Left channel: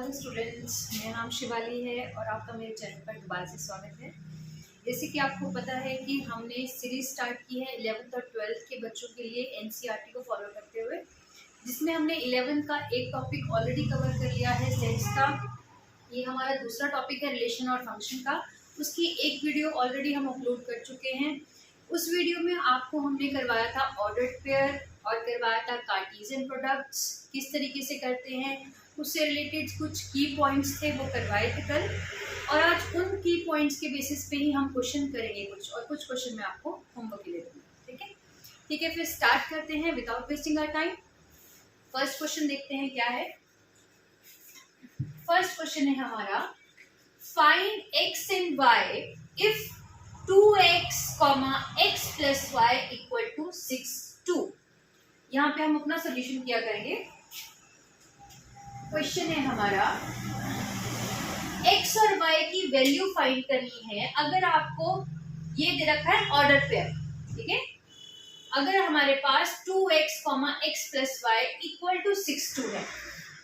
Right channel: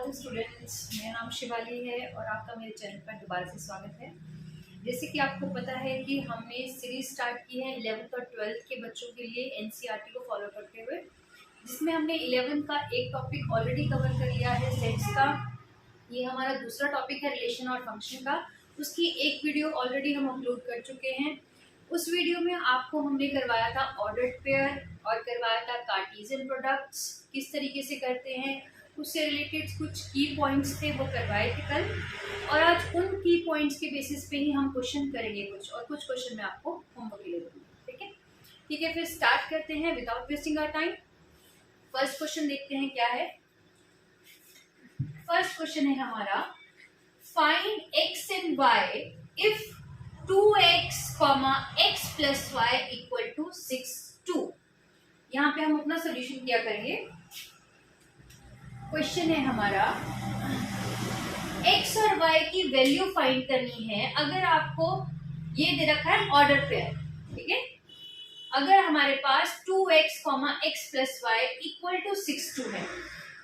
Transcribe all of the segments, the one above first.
Hello students, मेरा नाम शिवाली है और आपका मेरे चैनल पर दोबारा से स्वागत है। जैसे कि आपको पता है कि हमने सीरीज स्टार्ट की है 11th और 12th के बच्चों के लिए एनसीईआरटी को फॉलो करते हुए, जिसमें हमने 11th का एक टॉपिक ऑलरेडी कवर कर लिया है सेट्स का। ये हमारा दूसरा टॉपिक है रिलेशन और फंक्शन का। उसकी एक वीडियो ऑलरेडी हम अपलोड कर चुके हैं। उस वीडियो में आपको हमने करवाया था ऑर्डर्ड पेयर और करवाया था कार्टेशियन प्रोडक्ट्स किस तरीके से करते हैं, उससे रिलेटेड कुछ की पॉइंट्स थे वो करवाए थे कल। और आज उन की पॉइंट्स के बेसिस पे ही हम क्वेश्चन करेंगे कुछ क्वेश्चन मैं आपको होमवर्क के लिए दूंगी। ठीक है, फिर स्टार्ट करते हैं without wasting our time. First question देखते हैं क्या है। फर्स्ट क्वेश्चन है हमारा, find x and y if 2x, x plus y equal to 6 2। यहाँ पे हम अपना सोल्यूशन किया करेंगे। क्वेश्चन है हमारा, x और y की वैल्यू फाइंड करनी है। अगर आपको ये दे रखा है ऑर्डर पेयर, ठीक है, अगर हमारे पास 2x, x plus y equal to 6 2 है,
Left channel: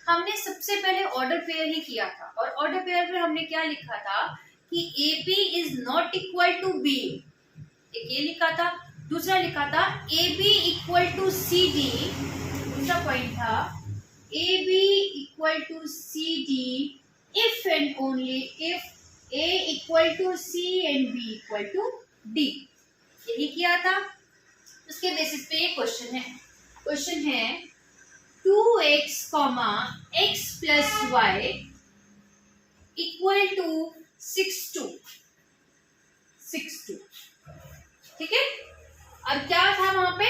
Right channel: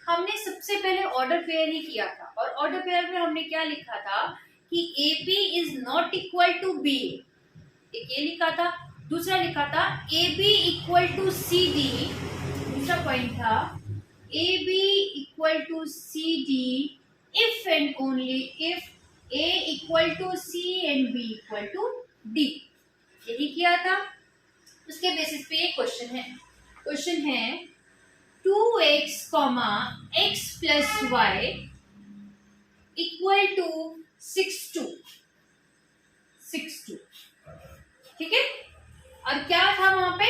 हमने सबसे पहले ऑर्डर पेयर ही किया था। और ऑर्डर पेयर में हमने क्या लिखा था कि AB is not equal to B, एक ये लिखा था। दूसरा लिखा था AB इक्वल टू CD, दूसरा पॉइंट था AB equal to CD if and only if A equal to C and B equal to D, यही किया था। उसके बेसिस पे ये क्वेश्चन है। क्वेश्चन है 2x, x plus y equal to 6 2, ठीक है। और क्या था वहां पे,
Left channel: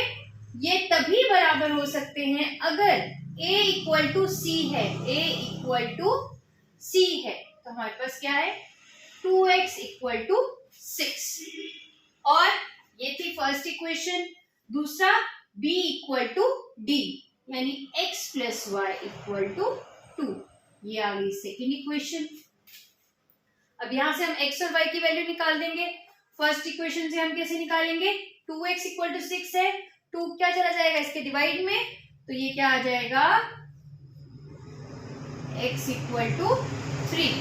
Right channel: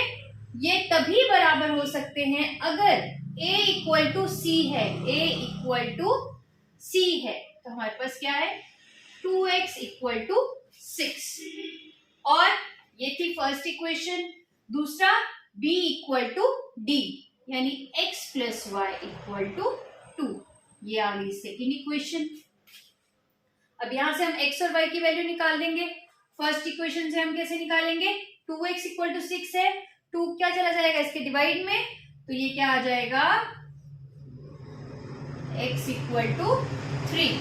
ये तभी बराबर हो सकते हैं अगर a इक्वल टू सी है, a इक्वल टू सी है। तो हमारे पास क्या है 2x इक्वल टू 6, और ये थी फर्स्ट इक्वेशन। दूसरा b इक्वल टू d, यानी x plus y equal to 2, ये आ गई सेकेंड इक्वेशन। अब यहां से हम x और y की वैल्यू निकाल देंगे। फर्स्ट इक्वेशन से हम कैसे निकालेंगे, 2x इक्वल टू 6 है, 2 क्या चला जाएगा इसके डिवाइड में, तो ये क्या आ जाएगा x इक्वल टू 3,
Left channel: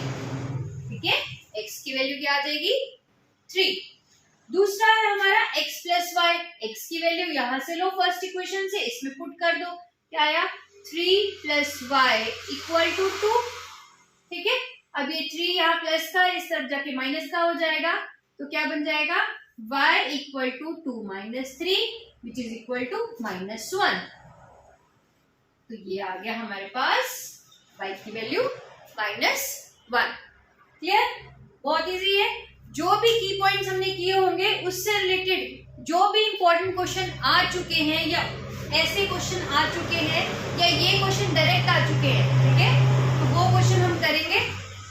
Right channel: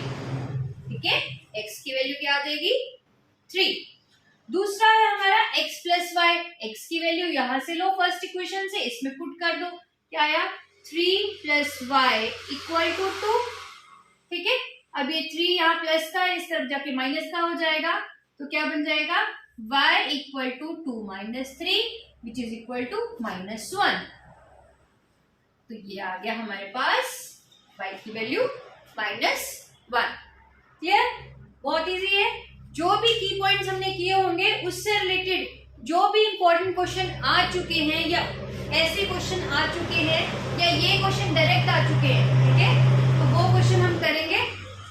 ठीक है। x की वैल्यू क्या आ जाएगी 3। दूसरा है हमारा x प्लस वाई, x की वैल्यू यहां से लो फर्स्ट इक्वेशन से, इसमें पुट कर दो, क्या आया 3 प्लस वाई इक्वल टू 2, ठीक है। अब ये 3 यहाँ प्लस का इस तरफ जाके माइनस का हो जाएगा, तो क्या बन जाएगा y equal to 2 minus 3 which is equal to -1। तो ये आ गया हमारे पास y की वैल्यू -1। क्लियर, बहुत इजी है। जो भी की पॉइंट्स हमने किए होंगे उससे रिलेटेड जो भी इंपॉर्टेंट क्वेश्चन आ चुके हैं या ऐसे क्वेश्चन आ चुके हैं या ये क्वेश्चन डायरेक्ट आ चुके हैं, ठीक है, तो वो क्वेश्चन हम करेंगे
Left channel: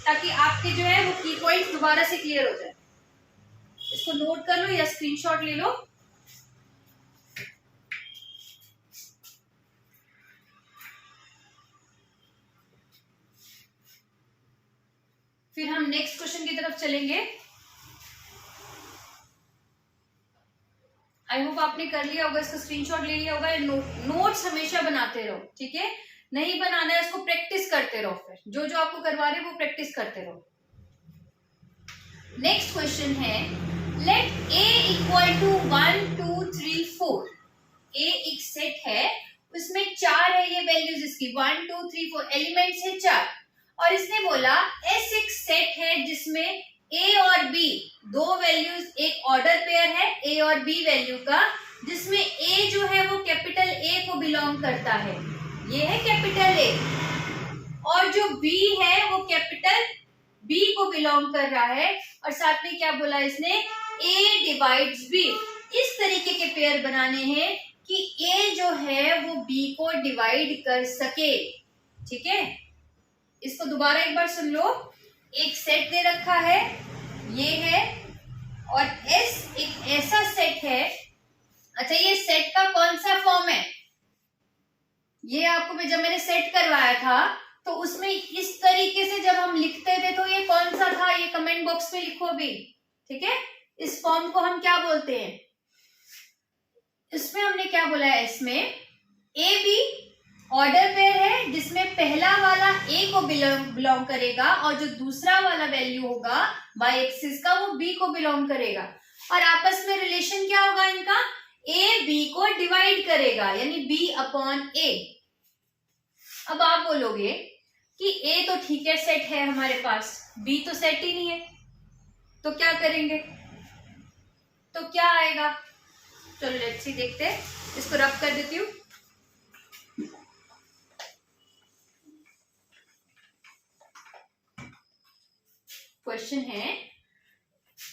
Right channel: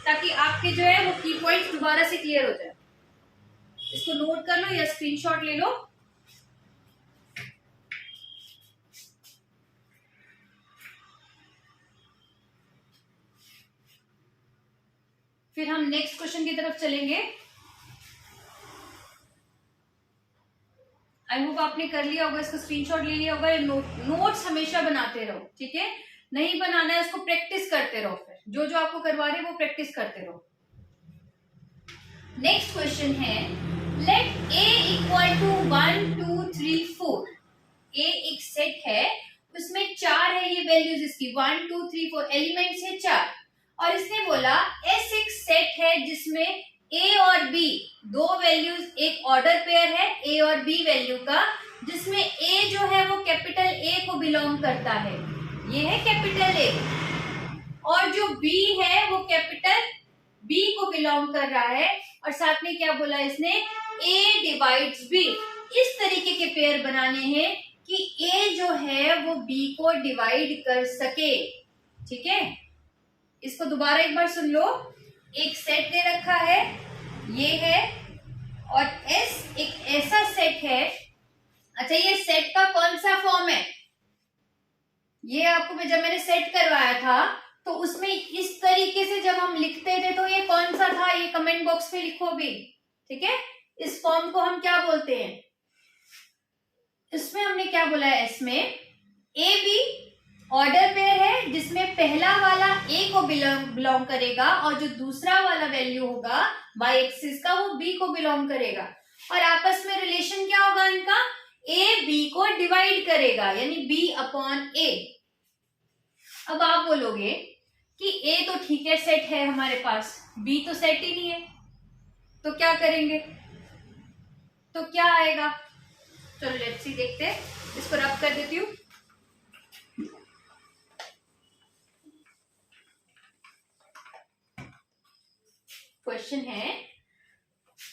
ताकि आपके जो है वो की पॉइंट्स दोबारा से क्लियर हो जाए। इसको नोट कर लो या स्क्रीनशॉट ले लो। फिर हम नेक्स्ट क्वेश्चन की तरफ चलेंगे। आई होप आपने कर लिया होगा, इसका स्क्रीनशॉट ले लिया होगा। नोट्स हमेशा बनाते रहो, ठीक है, नहीं बनाना है उसको प्रैक्टिस करते रहो। फिर जो जो आपको करवा रहे हैं वो प्रैक्टिस करते रहो। नेक्स्ट क्वेश्चन है, let a equal to 1 2 3 4। a एक सेट है, उसमें 4 है ये वैल्यूज इसकी, 1 2 3 4 एलिमेंट्स है 4। और इसने बोला s एक सेट है जिसमें a और b दो वैल्यूज, एक ऑर्डर पेयर है a और b वैल्यू का, जिसमें a जो है वो कैपिटल A को बिलोंग करता है, ये है कैपिटल A, और जो b है वो कैपिटल B को बिलोंग कर रहा है। और साथ में क्या बोला इसने, A डिवाइड्स B। इस तरीके के पेयर बनाने हैं कि A जो है वो B को डिवाइड कर सके, ठीक है। इसको दोबारा एक बार सुन लो। एक सेट दे रखा है, ये है, और S एक ऐसा सेट है। अच्छा, ये सेट का कौन सा फॉर्म है, ये आपको जब मैंने सेट करवाया था तो उसमें इस तरीके से जब हम लिखते थे तो ये कौन सा था, ये कमेंट बॉक्स में लिखो भी, ठीक है। इस फॉर्म को हम क्या बोलते हैं, इसमें हमने क्या बोला है, इसमें AB ऑर्डर पेयर है जिसमें पहला वाला ए को बिलोंग करेगा और जो दूसरा वाला वैल्यू होगा बाई एक्सिस का वो बी को बिलोंग करेगा, और आपस में रिलेशन क्या होगा इनका, ए बी को डिवाइड करेगा, यानी बी अपॉन ए। अब आप बोलोगे कि ए तो ठीक है सेट है हमारे पास, बी तो सेट ही नहीं है, तो क्या करेंगे, तो क्या आएगा, चलो लेट्स सी देखते हैं, इसको रब कर देती हूँ। क्वेश्चन है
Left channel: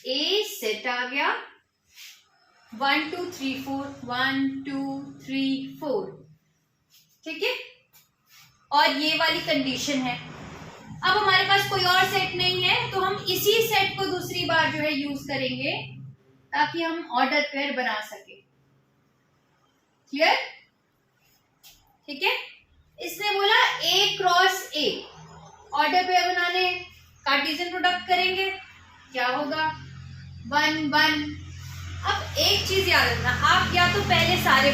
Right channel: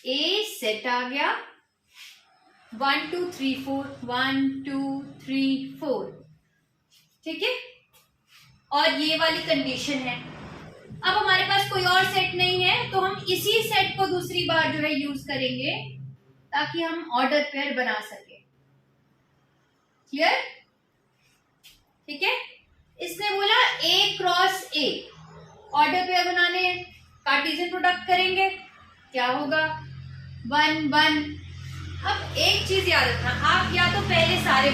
ए सेट आ गया 1 2 3 4 1 2 3 4, ठीक है, और ये वाली कंडीशन है। अब हमारे पास कोई और सेट नहीं है तो हम इसी सेट को दूसरी बार जो है यूज करेंगे ताकि हम ऑर्डर पेयर बना सके। क्लियर, ठीक है। इसने बोला ए क्रॉस ए, ऑर्डर पेयर बनाने कार्टेशियन प्रोडक्ट करेंगे, क्या होगा 1 1। अब एक चीज याद रखना, आप या तो पहले सारे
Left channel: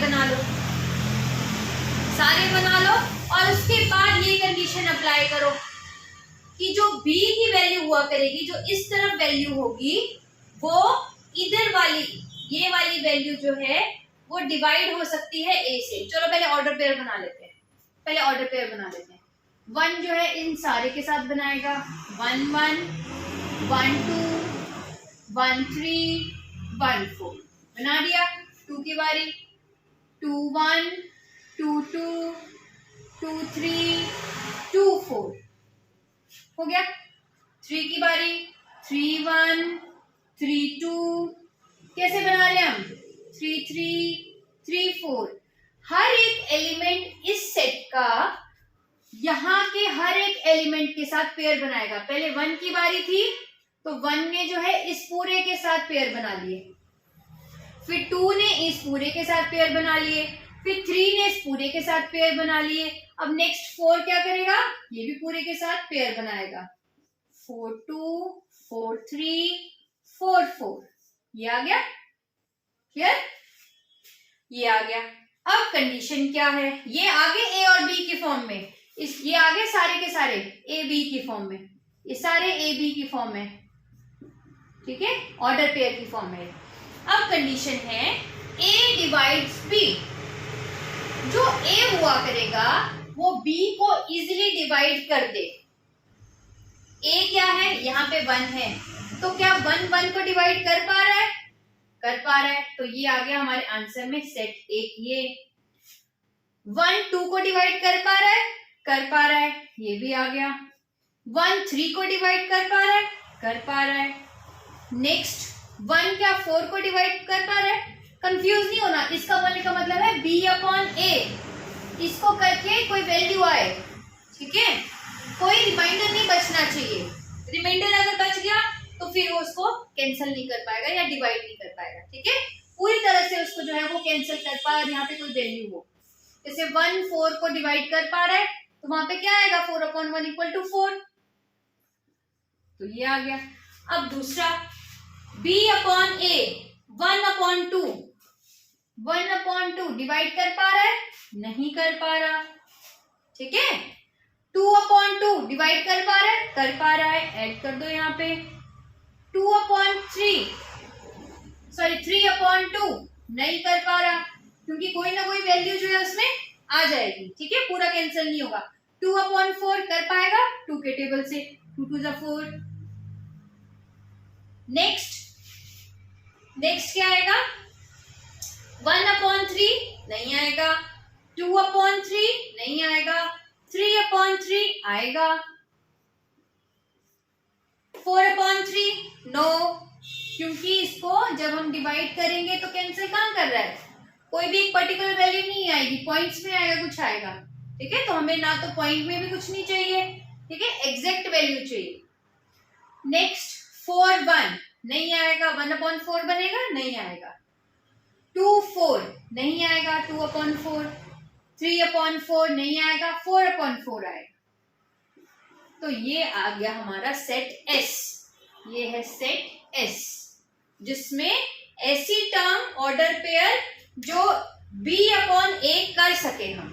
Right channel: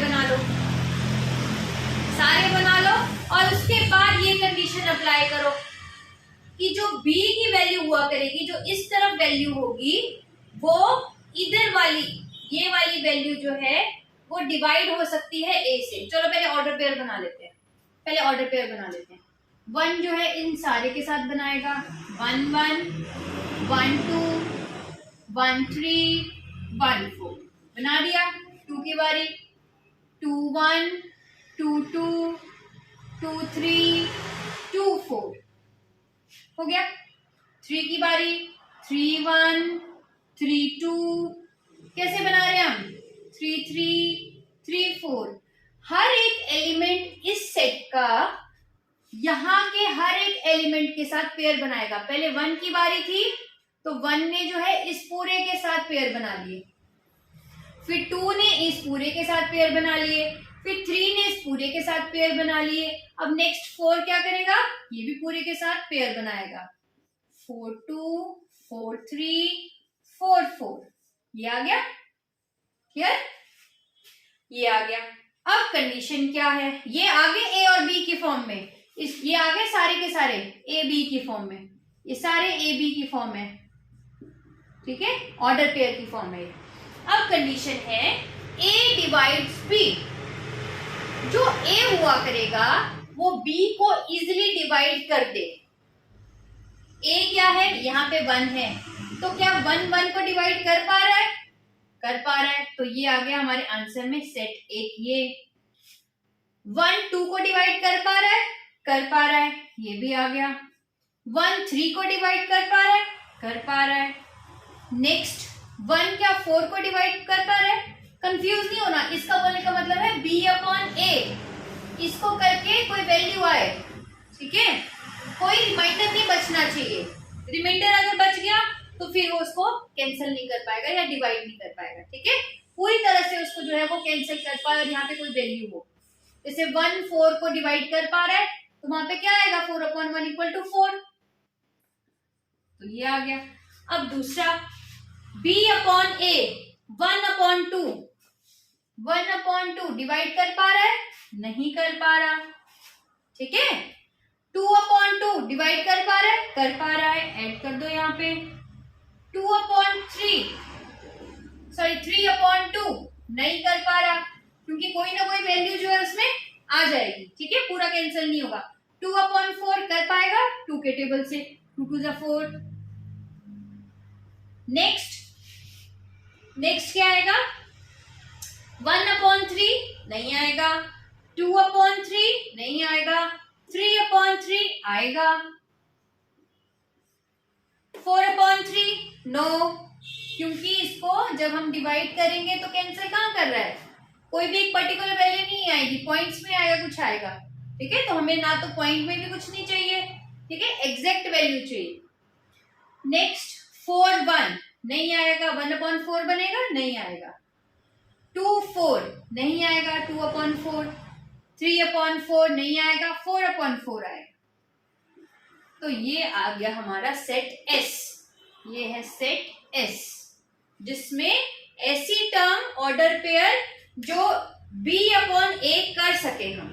बना लो और उसके बाद ये कंडीशन अप्लाई करो कि जो b की वैल्यू हुआ करेगी, जो इस तरफ वैल्यू होगी, वो इधर वाली ये वाली वैल्यू जो है वो डिवाइड हो सकती है a से। चलो पहले ऑर्डर पेयर बना लेते हैं, 1 जो है इन सारे के साथ बनाएगा, 1 1 1 2 1 3 1 4 बना दिया। 2 की बारी 2 1 2 2 2 3 2 4 हो गया। 3 की बारी 3 1 3 2, कैसे बना रहे हैं हम, 3 3 3 4। हर एक एलिमेंट इस सेट का यहाँ के हर एक एलिमेंट के साथ पेयर बनाएगा। पहले 1 की बारी थी तो 1 ने जो है इस पूरे के साथ पेयर बना लिए, फिर 2 ने इस पूरे के साथ पेयर बना लिए, फिर 3 ने इस पूरे के साथ पेयर बना लिए। अब नेक्स्ट 4 क्या करेगा, ये भी पूरे के साथ पेयर बनाएगा, 4 2 4 3 4 4, ये आ गया। क्लियर, ये आ गया। अब कंडीशन क्या है, ये आगे ए और बी की फॉर्म में, ये आगे सारे के सारे ए बी की फॉर्म में, ये सारे ए बी की फॉर्म में, ठीक है, ऑर्डर पेयर की फॉर्म में। अब कंडीशन है ए डिवाइड्स बी, जो ए हुआ करेगा वो बी को इजिली डिवाइड कर दे। ए क्या है, यहाँ पे 1 है, तो क्या 1 1 को डिवाइड कर पा रहा है, कर पा रहा है, तो ये आ गया हमारे आंसर में सेट एक। ये 1 2 को डिवाइड कर पा रहा है, कर पा रहा है, ये भी आ गया। 1 3 को डिवाइड कर पा रहा है, कर पा रहा है। नेक्स्ट 1 क्या 4 को डिवाइड कर पा रहा है, कंफ्यूज नहीं होना, इसका बोलने का मतलब है b अपॉन a, इसको करके कोई वैल्यू आए, ठीक है, कोई रिमाइंडर नहीं बचना चाहिए। रिमाइंडर अगर बच गया तो फिर वो उसको कैंसिल नहीं कर पाएगा या डिवाइड नहीं कर पाएगा, ठीक है, पूरी तरह से उसको जो है वो कैंसिल कर पाए और यहाँ पे कोई वैल्यू हो। जैसे 1 4 को डिवाइड कर पा रहा है तो वहां पे क्या आएगा, 4 अपॉन 1 इक्वल टू 4, तो ये आ गया। अब दूसरा b upon a 1 upon 2, 1 upon 2 divide कर पा रहा है, नहीं कर पा रहा, ठीक है। 2 अपॉन 2 डिवाइड कर पा रहा है, कर पा रहा है, ऐड कर दो यहाँ पे। 2 अपॉन 3 3 अपॉन 2 नहीं कर पा रहा, क्योंकि कोई ना कोई वैल्यू जो है उसमें आ जाएगी, ठीक है, पूरा कैंसिल नहीं होगा। 2 अपॉन 4 कर पाएगा 2 के टेबल से, 2 2 जा 4। नेक्स्ट क्या आएगा, 1 अपॉन 3 नहीं आएगा, 2 अपॉन 3 नहीं आएगा, 3 अपॉन 3 आएगा, 4 अपॉन 3 नो, क्योंकि इसको जब हम डिवाइड करेंगे तो कैंसिल कहाँ कर रहा है, कोई भी एक पर्टिकुलर वैल्यू नहीं आएगी, पॉइंट्स में आएगा, कुछ आएगा, ठीक है, तो हमें ना तो पॉइंट में भी कुछ नहीं चाहिए, ठीक है, एग्जैक्ट वैल्यू चाहिए। नेक्स्ट 4 1 नहीं आएगा, 1 अपॉन 4 बनेगा, नहीं आएगा। 2 4 नहीं आएगा, 2 अपॉन 4। 3 अपॉन 4 नहीं आएगा, 4 अपॉन 4 आएगा। तो ये आ गया हमारा सेट S, ये है सेट S, जिसमें ऐसी टर्म ऑर्डर पेयर जो B अपॉन A कर सके हम,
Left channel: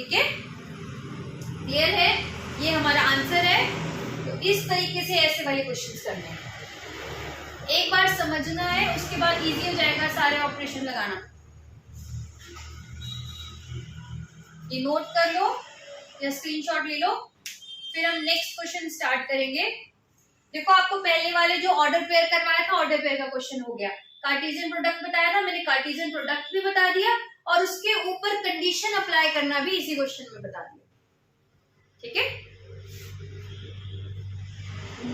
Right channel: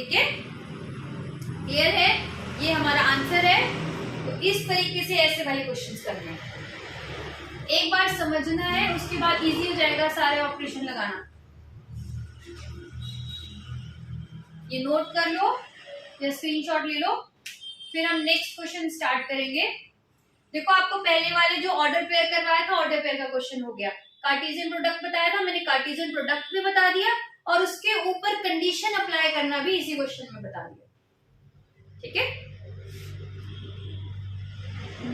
ठीक है, क्लियर है, ये हमारा आंसर है। तो इस तरीके से ऐसे वाले क्वेश्चंस करने हैं, एक बार समझना है, उसके बाद इजी हो जाएगा सारे ऑपरेशन लगाना। ये नोट कर लो या स्क्रीनशॉट ले लो, फिर हम नेक्स्ट क्वेश्चन स्टार्ट करेंगे। देखो आपको पहले वाले जो ऑर्डर पेयर करवाया था, ऑर्डर पेयर का क्वेश्चन हो गया। कार्टेशियन प्रोडक्ट बताया था, मैंने कार्टेशियन प्रोडक्ट भी बता दिया और उसके ऊपर कंडीशन अप्लाई करना भी इसी क्वेश्चन में बता दिया। ठीक है,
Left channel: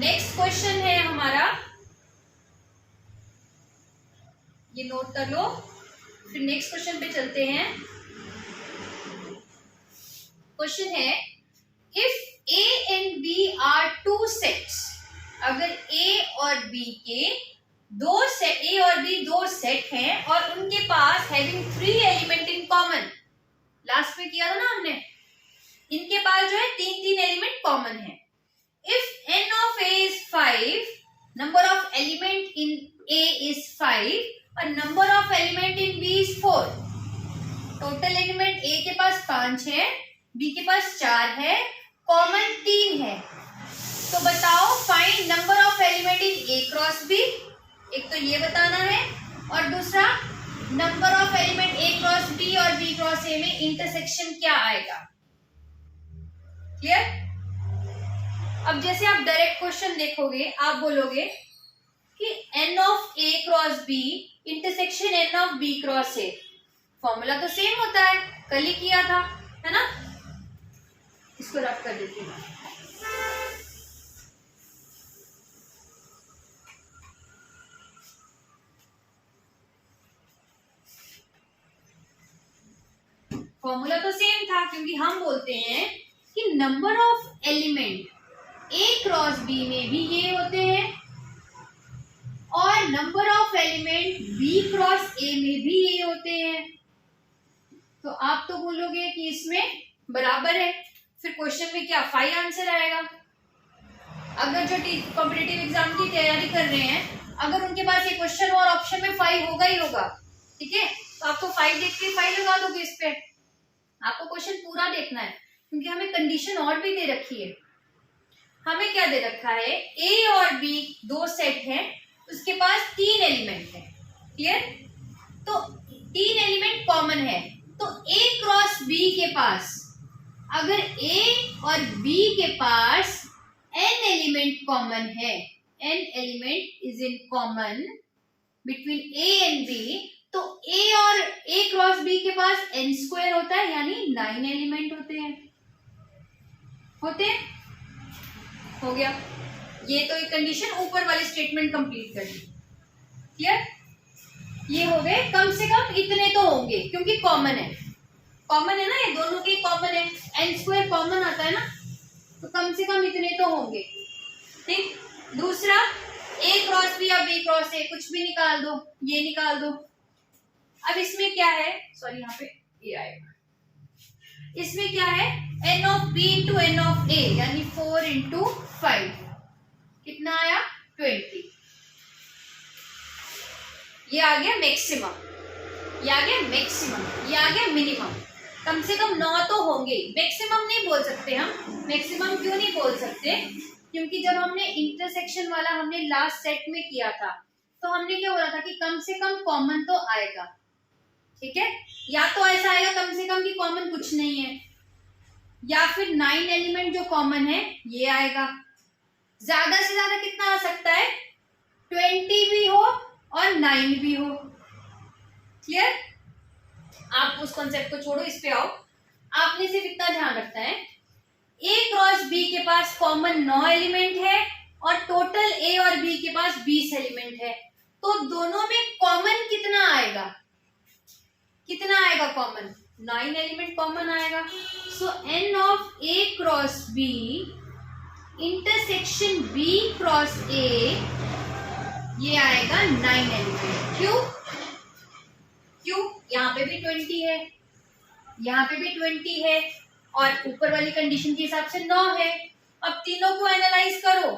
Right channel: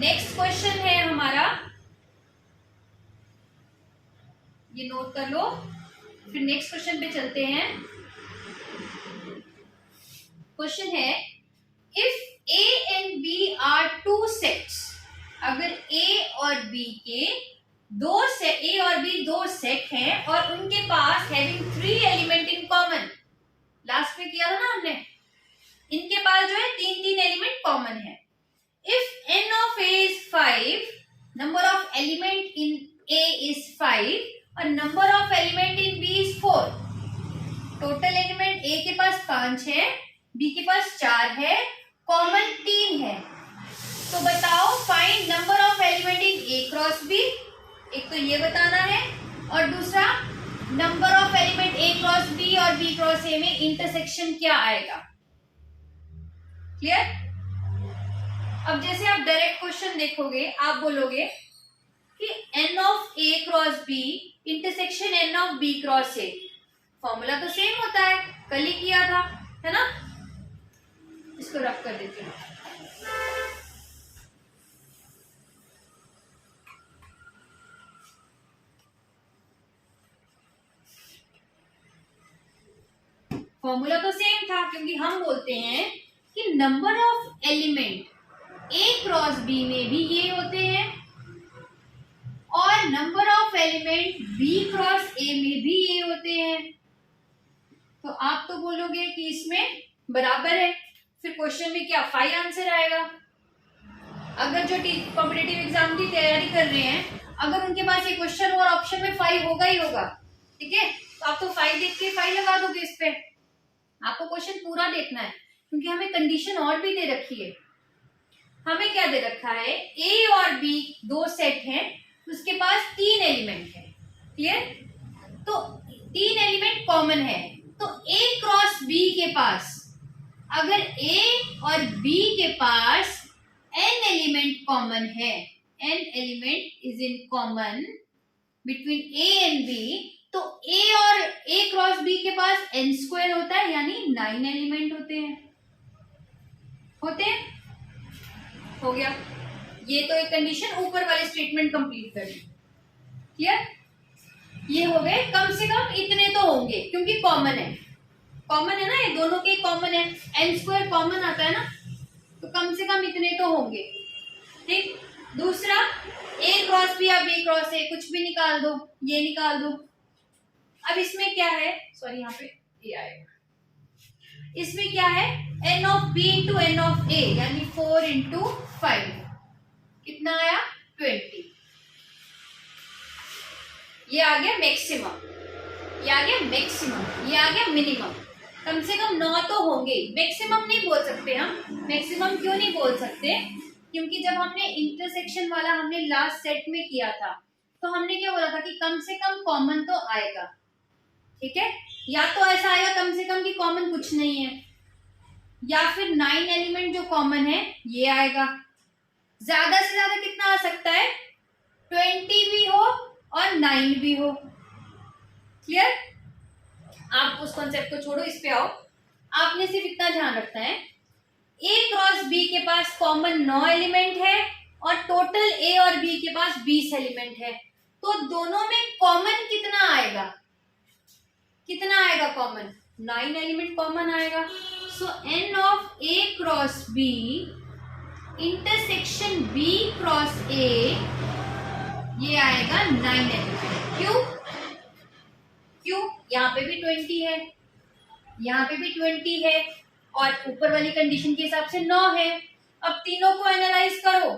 नेक्स्ट क्वेश्चन है हमारा, ये नोट कर लो, फिर नेक्स्ट क्वेश्चन पे चलते हैं। क्वेश्चन है, if A and B are two sets, अगर ए और बी के ए और बी दो सेट हैं और उनके पास having 3 element in common, last में किया था ना हमने, इनके पास जो है 3 एलिमेंट कॉमन है। If n of a is 5, number of element in a is 5 और number of element in b is 4, total element a के पास 5 है, b के पास 4 है, कॉमन 3 है, तो बताओ find number of element in a cross b, एक तो ये बताना है और दूसरा number of element a cross b और b क्रॉस a में इंटरसेक्शन क्या आएगा। क्लियर? अब जैसे आप डायरेक्ट क्वेश्चन देखोगे, आप बोलोगे कि n of a cross b intersection n of b cross a, formula तो सेम होता है, कल ही किया था, है ना। इसको रफ कर देती हूँ। फॉर्मूला तो सेम था क्योंकि हम बोलते हैं कि number of element a cross b में भी ये होते हैं और number of element b cross a में भी ये होते हैं, तो आप तो बोलोगे कि इसमें बराबर है, फिर क्वेश्चन में क्या 5 आंसर आएगा। अगर जो कॉम्पिटिटिव एग्जाम की तैयारी कर रहे हैं, अगर उनके पास ये क्वेश्चन और ऑप्शन में 5 होगा ही होगा, ठीक है, तो आप तो 5 देख के 5 लगा दोगे इस पे। आपको क्वेश्चन पूरा देखना है क्योंकि हमें कंडीशन और भी दे रखी है। हमें क्या दे रखा है, ए और बी दो सेट हैं, उसके पास 3 एलिमेंट है। क्लियर? तो 3 एलिमेंट कॉमन है, तो ए क्रॉस बी के पास, अगर ए और बी के पास n एलिमेंट कॉमन है, n element is in common between A and B, तो a और a क्रॉस b के पास n स्क्वायर होता है, यानी 9 एलिमेंट होते हैं। हो गया, ये तो एक कंडीशन ऊपर वाली स्टेटमेंट कंप्लीट कर दी। क्लियर? ये हो गए, कम से कम इतने तो होंगे क्योंकि कॉमन है ना, ये दोनों के कॉमन है, n स्क्वायर कॉमन आता है ना, तो कम से कम इतने तो होंगे। ठीक, दूसरा a क्रॉस b या b क्रॉस a, कुछ भी निकाल दो, ये निकाल दो। अब इसमें क्या है, सॉरी यहाँ पे ये आएगा, इसमें क्या है, n of b into n of a, यानी 4 इंटू 5, कितना आया 20। ये आ गया मैक्सिमम, ये आ गया मैक्सिमम, ये आ गया मिनिमम। कम से कम 9 तो होंगे, मैक्सिमम नहीं बोल सकते हम। मैक्सिमम क्यों नहीं बोल सकते, क्योंकि जब हमने इंटरसेक्शन वाला हमने लास्ट सेट में किया था, तो हमने क्या बोला था कि कम से कम कॉमन तो आएगा। ठीक है, या तो ऐसा आएगा कम से कम कि कॉमन कुछ नहीं है, या फिर 9 एलिमेंट जो कॉमन है ये आएगा। ज्यादा से ज्यादा कितना आ सकता है, 20 भी हो और 9 भी हो। क्लियर? आप उस कॉन्सेप्ट को छोड़ो, इस पे आओ। आपने सिर्फ इतना ध्यान रखना है, ए क्रॉस बी के पास कॉमन 9 एलिमेंट है और टोटल ए और बी के पास 20 एलिमेंट है, तो दोनों में कॉमन कितना आएगा, कॉमन 9 एलिमेंट कॉमन आएगा। सो n of a cross b intersection b cross a, ये आएगा 9 एलिमेंट। क्यों? यहाँ पे भी 20 है, यहाँ पे भी 20 है और ऊपर वाली कंडीशन के हिसाब से 9 है। अब तीनों को एनालाइज करो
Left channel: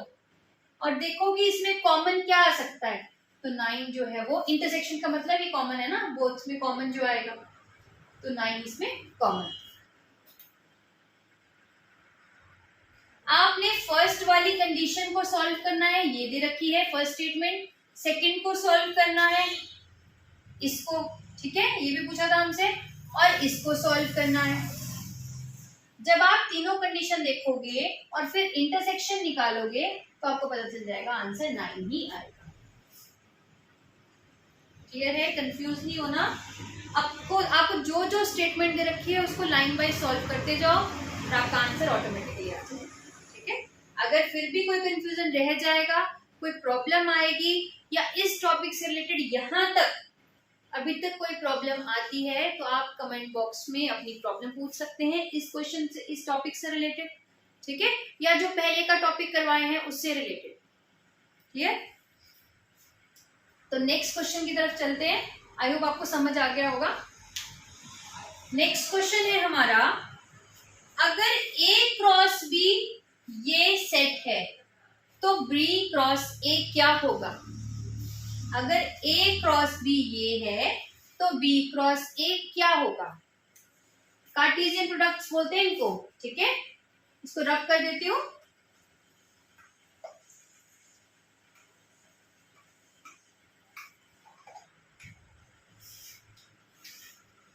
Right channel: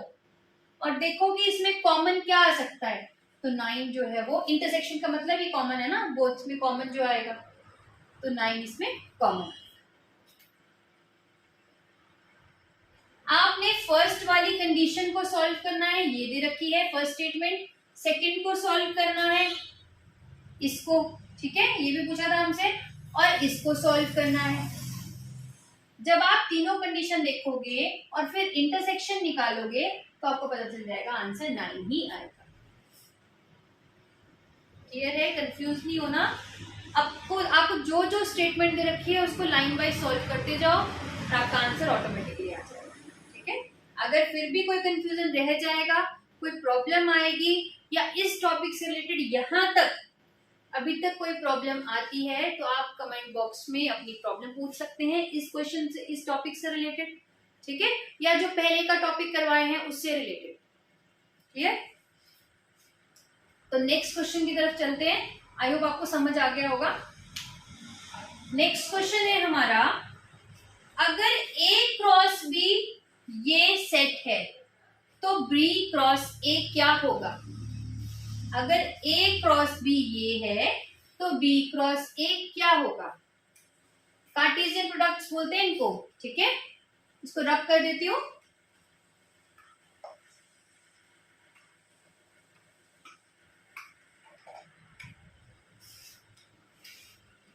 और देखो कि इसमें कॉमन क्या आ सकता है। तो 9 जो है वो इंटरसेक्शन का मतलब ये कॉमन है ना, बोथ में कॉमन जो आएगा, तो 9 इसमें कॉमन। फर्स्ट वाली कंडीशन को सॉल्व करना है, ये दे रखी है फर्स्ट स्टेटमेंट। सेकंड को सॉल्व करना है इसको, ठीक है, ये भी पूछा था हमसे, और इसको सॉल्व करना है। जब आप तीनों कंडीशन देखोगे और फिर इंटरसेक्शन निकालोगे तो आपको पता चल जाएगा आंसर 9 ही आएगा। क्लियर है? कंफ्यूज नहीं होना। आपको जो जो स्टेटमेंट दे रखी है उसको लाइन वाइज सॉल्व करते जाओ और आपका आंसर ऑटोमेटिकली आ जाएगा। ठीक है, अगर फिर भी कोई कंफ्यूजन रह जाएगा, कोई प्रॉब्लम आएगी या इस टॉपिक से रिलेटेड यहाँ तक अभी तक कोई प्रॉब्लम आती है तो आप कमेंट बॉक्स में अपनी प्रॉब्लम पूछ सकते हैं इस क्वेश्चन से, इस टॉपिक से रिलेटेड, ठीक है, या जो पहले का टॉपिक करवाए हैं उससे रिलेटेड। क्लियर? तो नेक्स्ट क्वेश्चन की तरफ चलते हैं। आई होप आपको समझ आ गया होगा। नेक्स्ट क्वेश्चन है हमारा, अगर A क्रॉस B ये सेट है तो B क्रॉस A क्या होगा? अगर A क्रॉस B ये है तो B क्रॉस A क्या होगा? कार्टेशियन प्रोडक्ट्स बोलते हैं इनको, ठीक है, इसको रब कर देती हूं।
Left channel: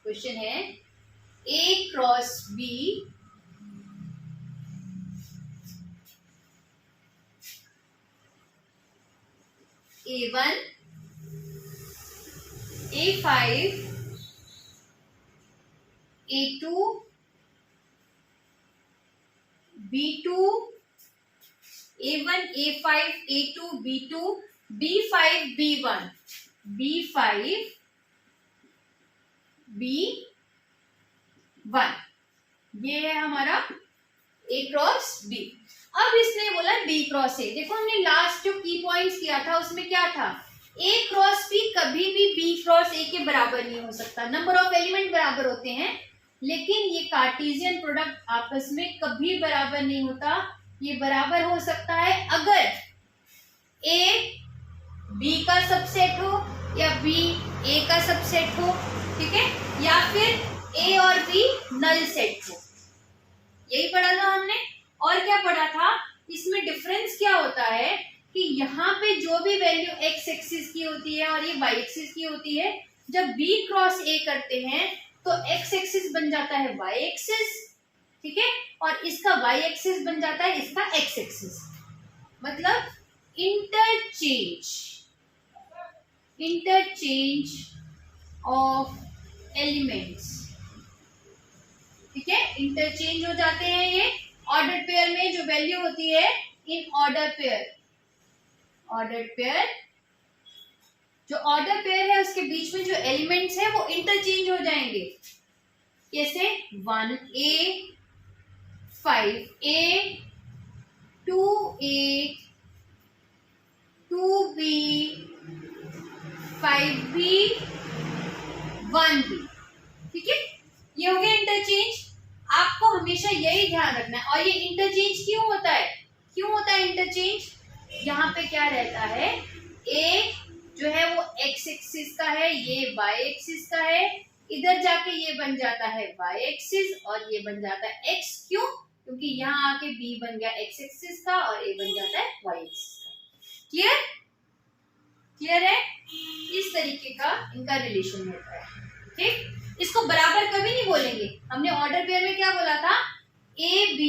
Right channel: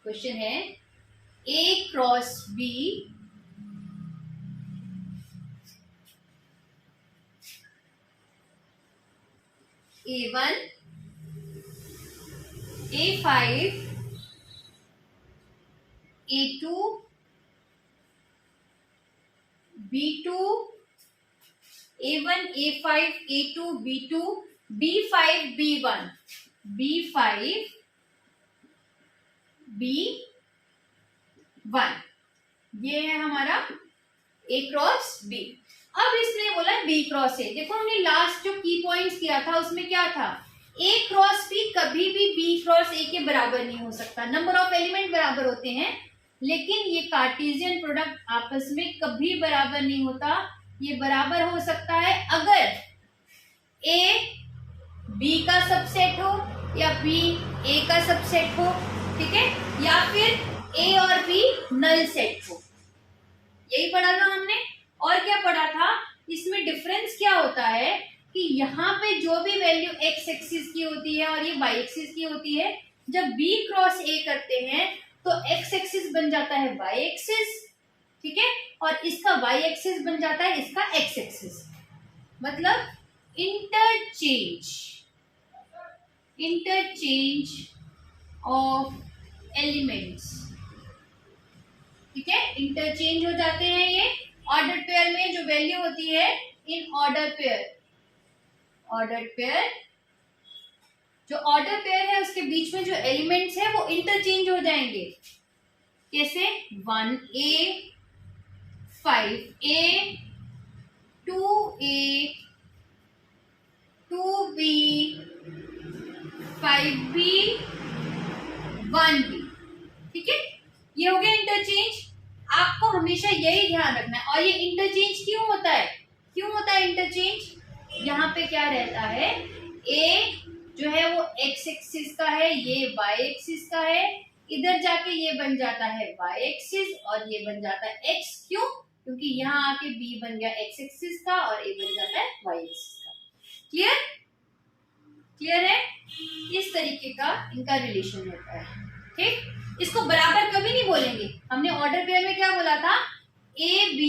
क्वेश्चन है A cross B A1 A5 A2 B2 A1 A5 A2 B2 B5 B1 B5 B1, ये है हमारा A क्रॉस B। अब इसने बोला B क्रॉस A। देखो हमने लास्ट जो की पॉइंट्स किया था उसमें क्या था, A क्रॉस B कभी भी B क्रॉस A के बराबर नहीं हो सकता। नंबर ऑफ एलिमेंट बराबर होते हैं लेकिन ये कार्टेशियन प्रोडक्ट आपस में कभी बराबर नहीं होता। ये बराबर हो सकता है अगर A B का सबसेट हो या B A का सबसेट हो, ठीक है, या फिर A और B नल सेट हो। यही पढ़ा था हमने। और क्या पढ़ा था, इसमें डिफरेंस क्या होता है कि यहाँ पे जो भी वैल्यू x एक्सिस की होती है और ये y एक्सिस की होती है, जब B क्रॉस A करते हैं तो x एक्सिस बन जाता है y एक्सिस, ठीक है, और इसका y एक्सिस बन जाता है इसका x एक्सिस। मतलब इंटरचेंज ऑफ एलिमेंट्स, ठीक है, इंटरचेंज हो जाते हैं ये ऑर्डर पेयर में। जो वैल्यू होती है इन ऑर्डर पेयर, जो ऑर्डर पेयर है उसके बीच में जो एलिमेंट्स है वो इंटरचेंज हो जाएंगे। कैसे? 1A 5A 2A 2B 5B 1B, ठीक है, ये हो गया इंटरचेंज। आपको हमेशा यही ध्यान रखना है। और ये इंटरचेंज क्यों होता है? इंटरचेंज? यहाँ पे क्या रहता है, A जो है वो x एक्सिस का है, ये y एक्सिस का है, इधर जाके ये बन जाता है y एक्सिस और ये बन जाता है x। क्यों? क्योंकि यहाँ आके B बन गया x एक्सिस का और A बन जाता है y एक्सिस का। क्लियर है? इस तरीके का इनका रिलेशन होता है। ठीक, इसको बराबर कभी नहीं बोलेंगे। हमने ऑर्डर पेयर में क्या बोला था, AB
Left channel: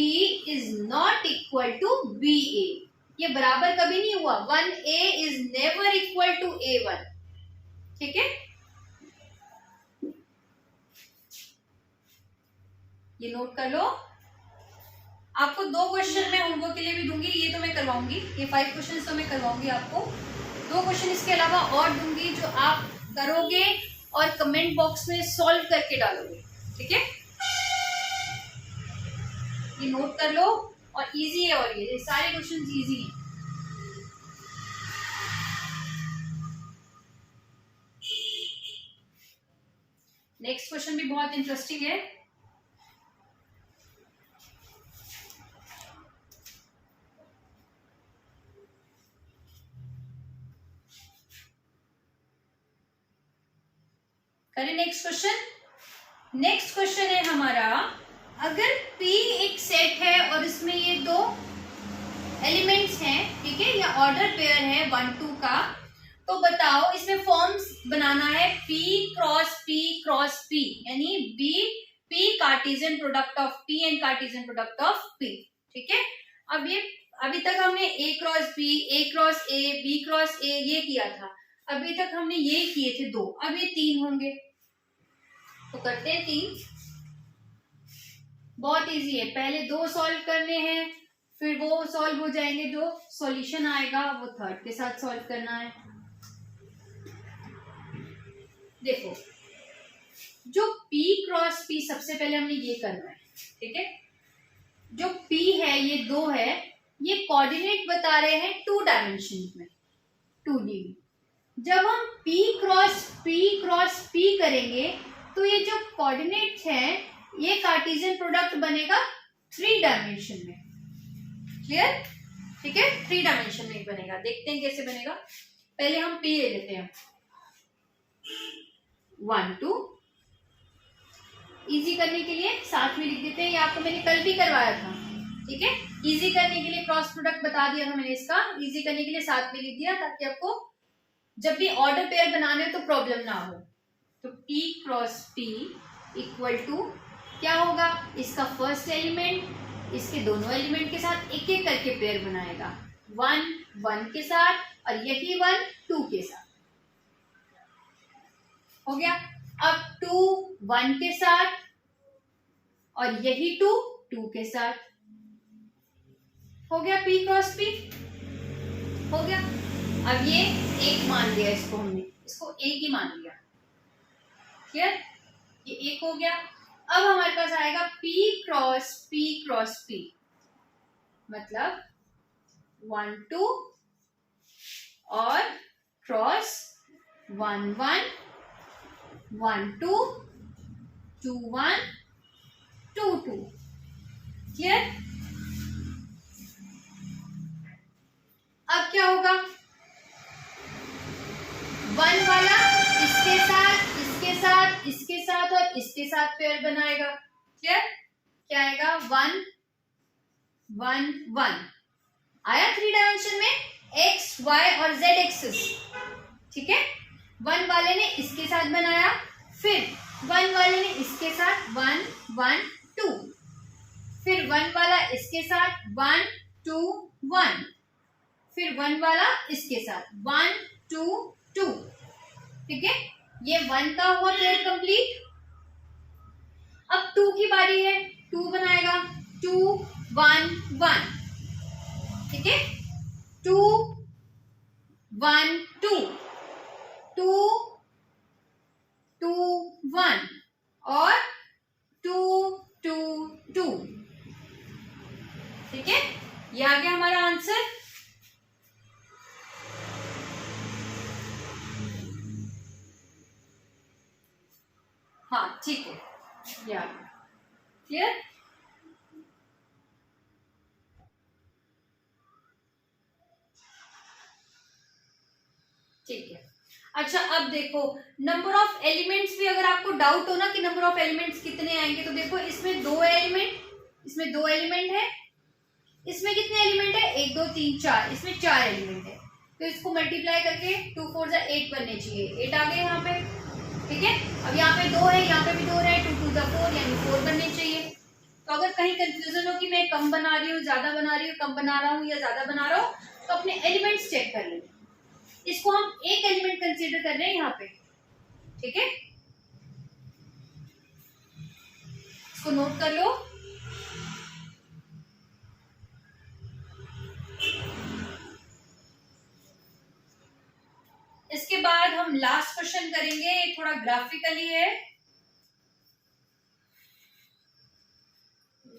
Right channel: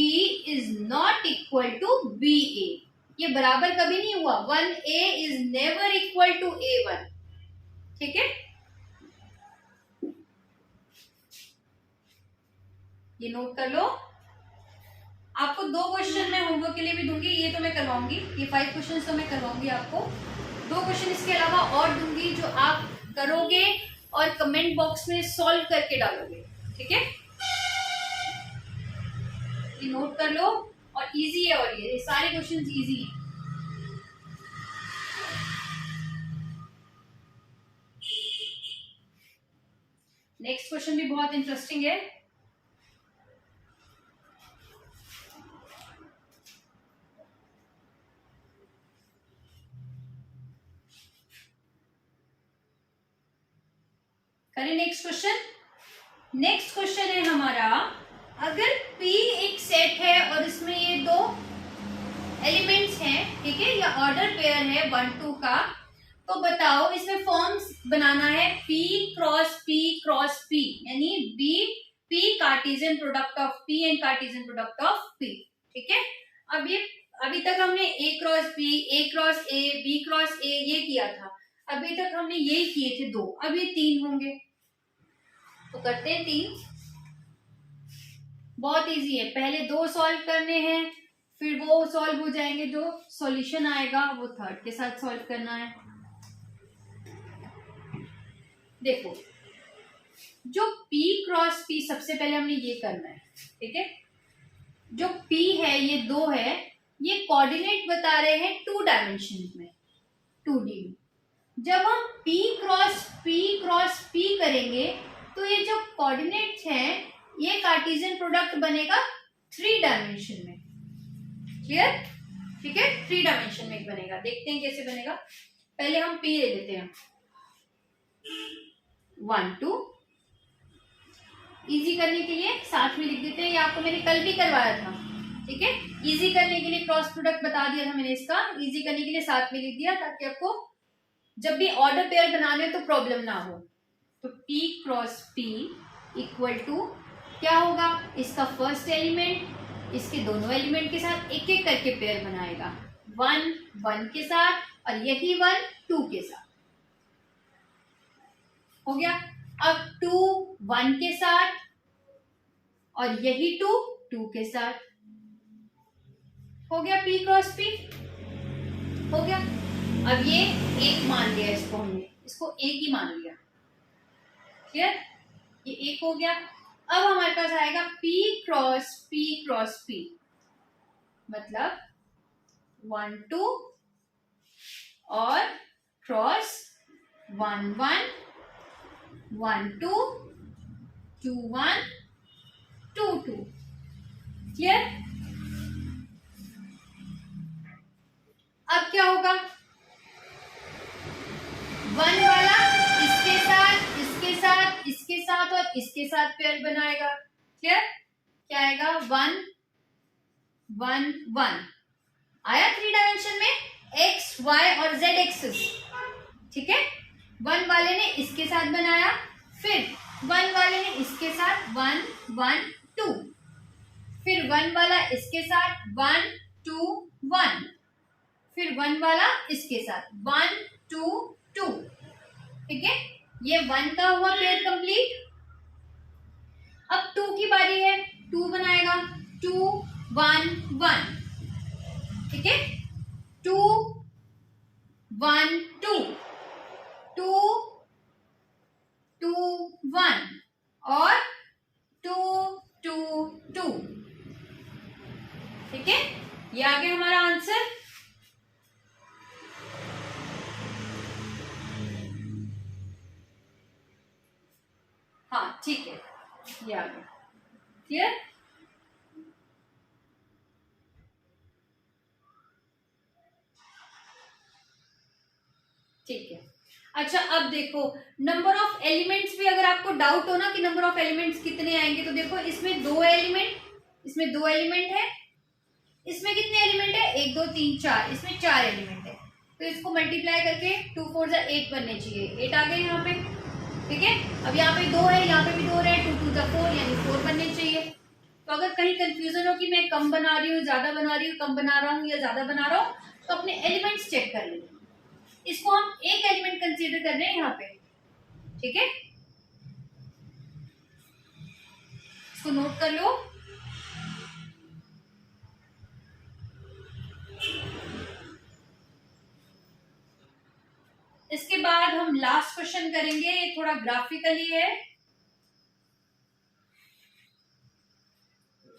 is not equal to BA। ये बराबर कभी नहीं हुआ। 1A is never equal to A1, ठीक है, ये नोट कर लो। आपको 2 क्वेश्चन मैं होमवर्क के लिए भी दूंगी, ये तो मैं करवाऊंगी, ये 5 क्वेश्चन तो मैं करवाऊंगी आपको। 2 क्वेश्चन इसके अलावा और दूंगी जो आप करोगे और कमेंट बॉक्स में सॉल्व करके डालोगे, ठीक है, ये नोट कर लो। और इजी है, और ये सारे क्वेश्चंस इजी हैं। नेक्स्ट क्वेश्चन भी बहुत इंटरेस्टिंग है। करें नेक्स्ट क्वेश्चन। नेक्स्ट क्वेश्चन है हमारा, अगर P एक सेट है और इसमें ये 2 ठीक है, या ऑर्डर पेयर है 1 2 का, तो बताओ इसमें फॉर्म्स बनाना है P क्रॉस P, यानी P Cartesian product of P and Cartesian product of P। ठीक है, अब ये अभी तक हमने A cross A, B cross A ये किया था, अभी तक हमने ये किए थे 2, अब ये 3 होंगे, तो करते हैं 3। बहुत इजी है, पहले 2 सॉल्व करने हैं, फिर वो सॉल्व हो जाएंगे, जो सॉल्यूशन आएगा वो थर्ड के साथ सॉल्व करना है। देखो जो P क्रॉस P, सबसे पहले हमने ये करना है। ठीक है, जो P है ये 2 है, ये कोऑर्डिनेट बता रहे हैं 2 डायमेंशन में, 2D में। जब हम P क्रॉस P करेंगे तो ये जो कोऑर्डिनेट्स हैं ये कार्टेशियन प्रोडक्ट बनेगा 3 डायमेंशन में। क्लियर? ठीक है, 3 डायमेंशन में बनेगा। देखते हैं कैसे बनेगा। पहले हम P ले लेते हैं, 1 2, इजी करने के लिए साथ में लिख देते हैं, ये आपको मैंने कल भी करवाया था। ठीक है, इजी करने के लिए क्रॉस प्रोडक्ट बता दिया था मैंने इसका, इजी करने के लिए साथ में लिख दिया, ताकि आपको जब भी ऑर्डर पेयर बनाने तो प्रॉब्लम ना हो। तो P cross P equal to क्या होगा, इसका फर्स्ट एलिमेंट इसके दोनों एलिमेंट के साथ एक एक करके पेयर बनाएगा, 1 1 के साथ और यही 1 2 के साथ। हो गया। अब 2 1 के साथ और यही 2 2 के साथ। हो गया P क्रॉस P, हो गया। अब ये 1 मान लिया, इसको हमने इसको 1 ही मान लिया। क्लियर? ये 1 हो गया। अब हमारे पास आएगा P क्रॉस P, मतलब 1 2 और क्रॉस 1 1 1 2 2 1 2 2। क्लियर? अब क्या होगा, 1 वाला इसके साथ इसके साथ इसके साथ और इसके साथ पेयर बनाएगा। क्लियर? क्या आएगा, 1 1 1 आया 3 डायमेंशन में, x y और z एक्सिस। ठीक है, 1 वाले ने इसके साथ बनाया, फिर 1 वाले ने इसके साथ 1 1 2, फिर 1 वाला इसके साथ 1 2 1, फिर 1 वाला इसके साथ 1 2 2। ठीक है, ये 1 का हुआ पेयर कंप्लीट। अब 2 की बारी है, 2 बनाएगा, 2 1 1। ठीक है, 2 1 2 2 2 1 और 2 2 2। ठीक है, ये आ गया हमारा आंसर। हाँ ठीक है, ये आ गया। क्लियर? ठीक है। अच्छा, अब देखो नंबर ऑफ एलिमेंट्स भी, अगर आपको डाउट हो ना कि नंबर ऑफ एलिमेंट्स कितने आएंगे, तो देखो इसमें 2 एलिमेंट, इसमें 2 एलिमेंट है, इसमें कितने एलिमेंट है, 1 2 3 4, इसमें 4 एलिमेंट है। तो इसको मल्टीप्लाई करके 2 4 जा 8 बनने चाहिए, 8 आ गए यहाँ पे। ठीक है, अब यहाँ पे 2 है, यहाँ पे भी 2 है, 2 2 जा 4 यानी 4 बनने चाहिए। तो अगर कहीं कंफ्यूजन हो कि मैं कम बना रही हूँ, ज्यादा बना रही हूँ, कम बना रहा हूँ या ज्यादा बना रहा हूँ, तो अपने एलिमेंट्स चेक कर लें। इसको हम एक एलिमेंट कंसीडर कर रहे हैं यहाँ पे। ठीक है, इसको नोट कर लो। इसके बाद हम लास्ट क्वेश्चन करेंगे, ये थोड़ा ग्राफिकली है।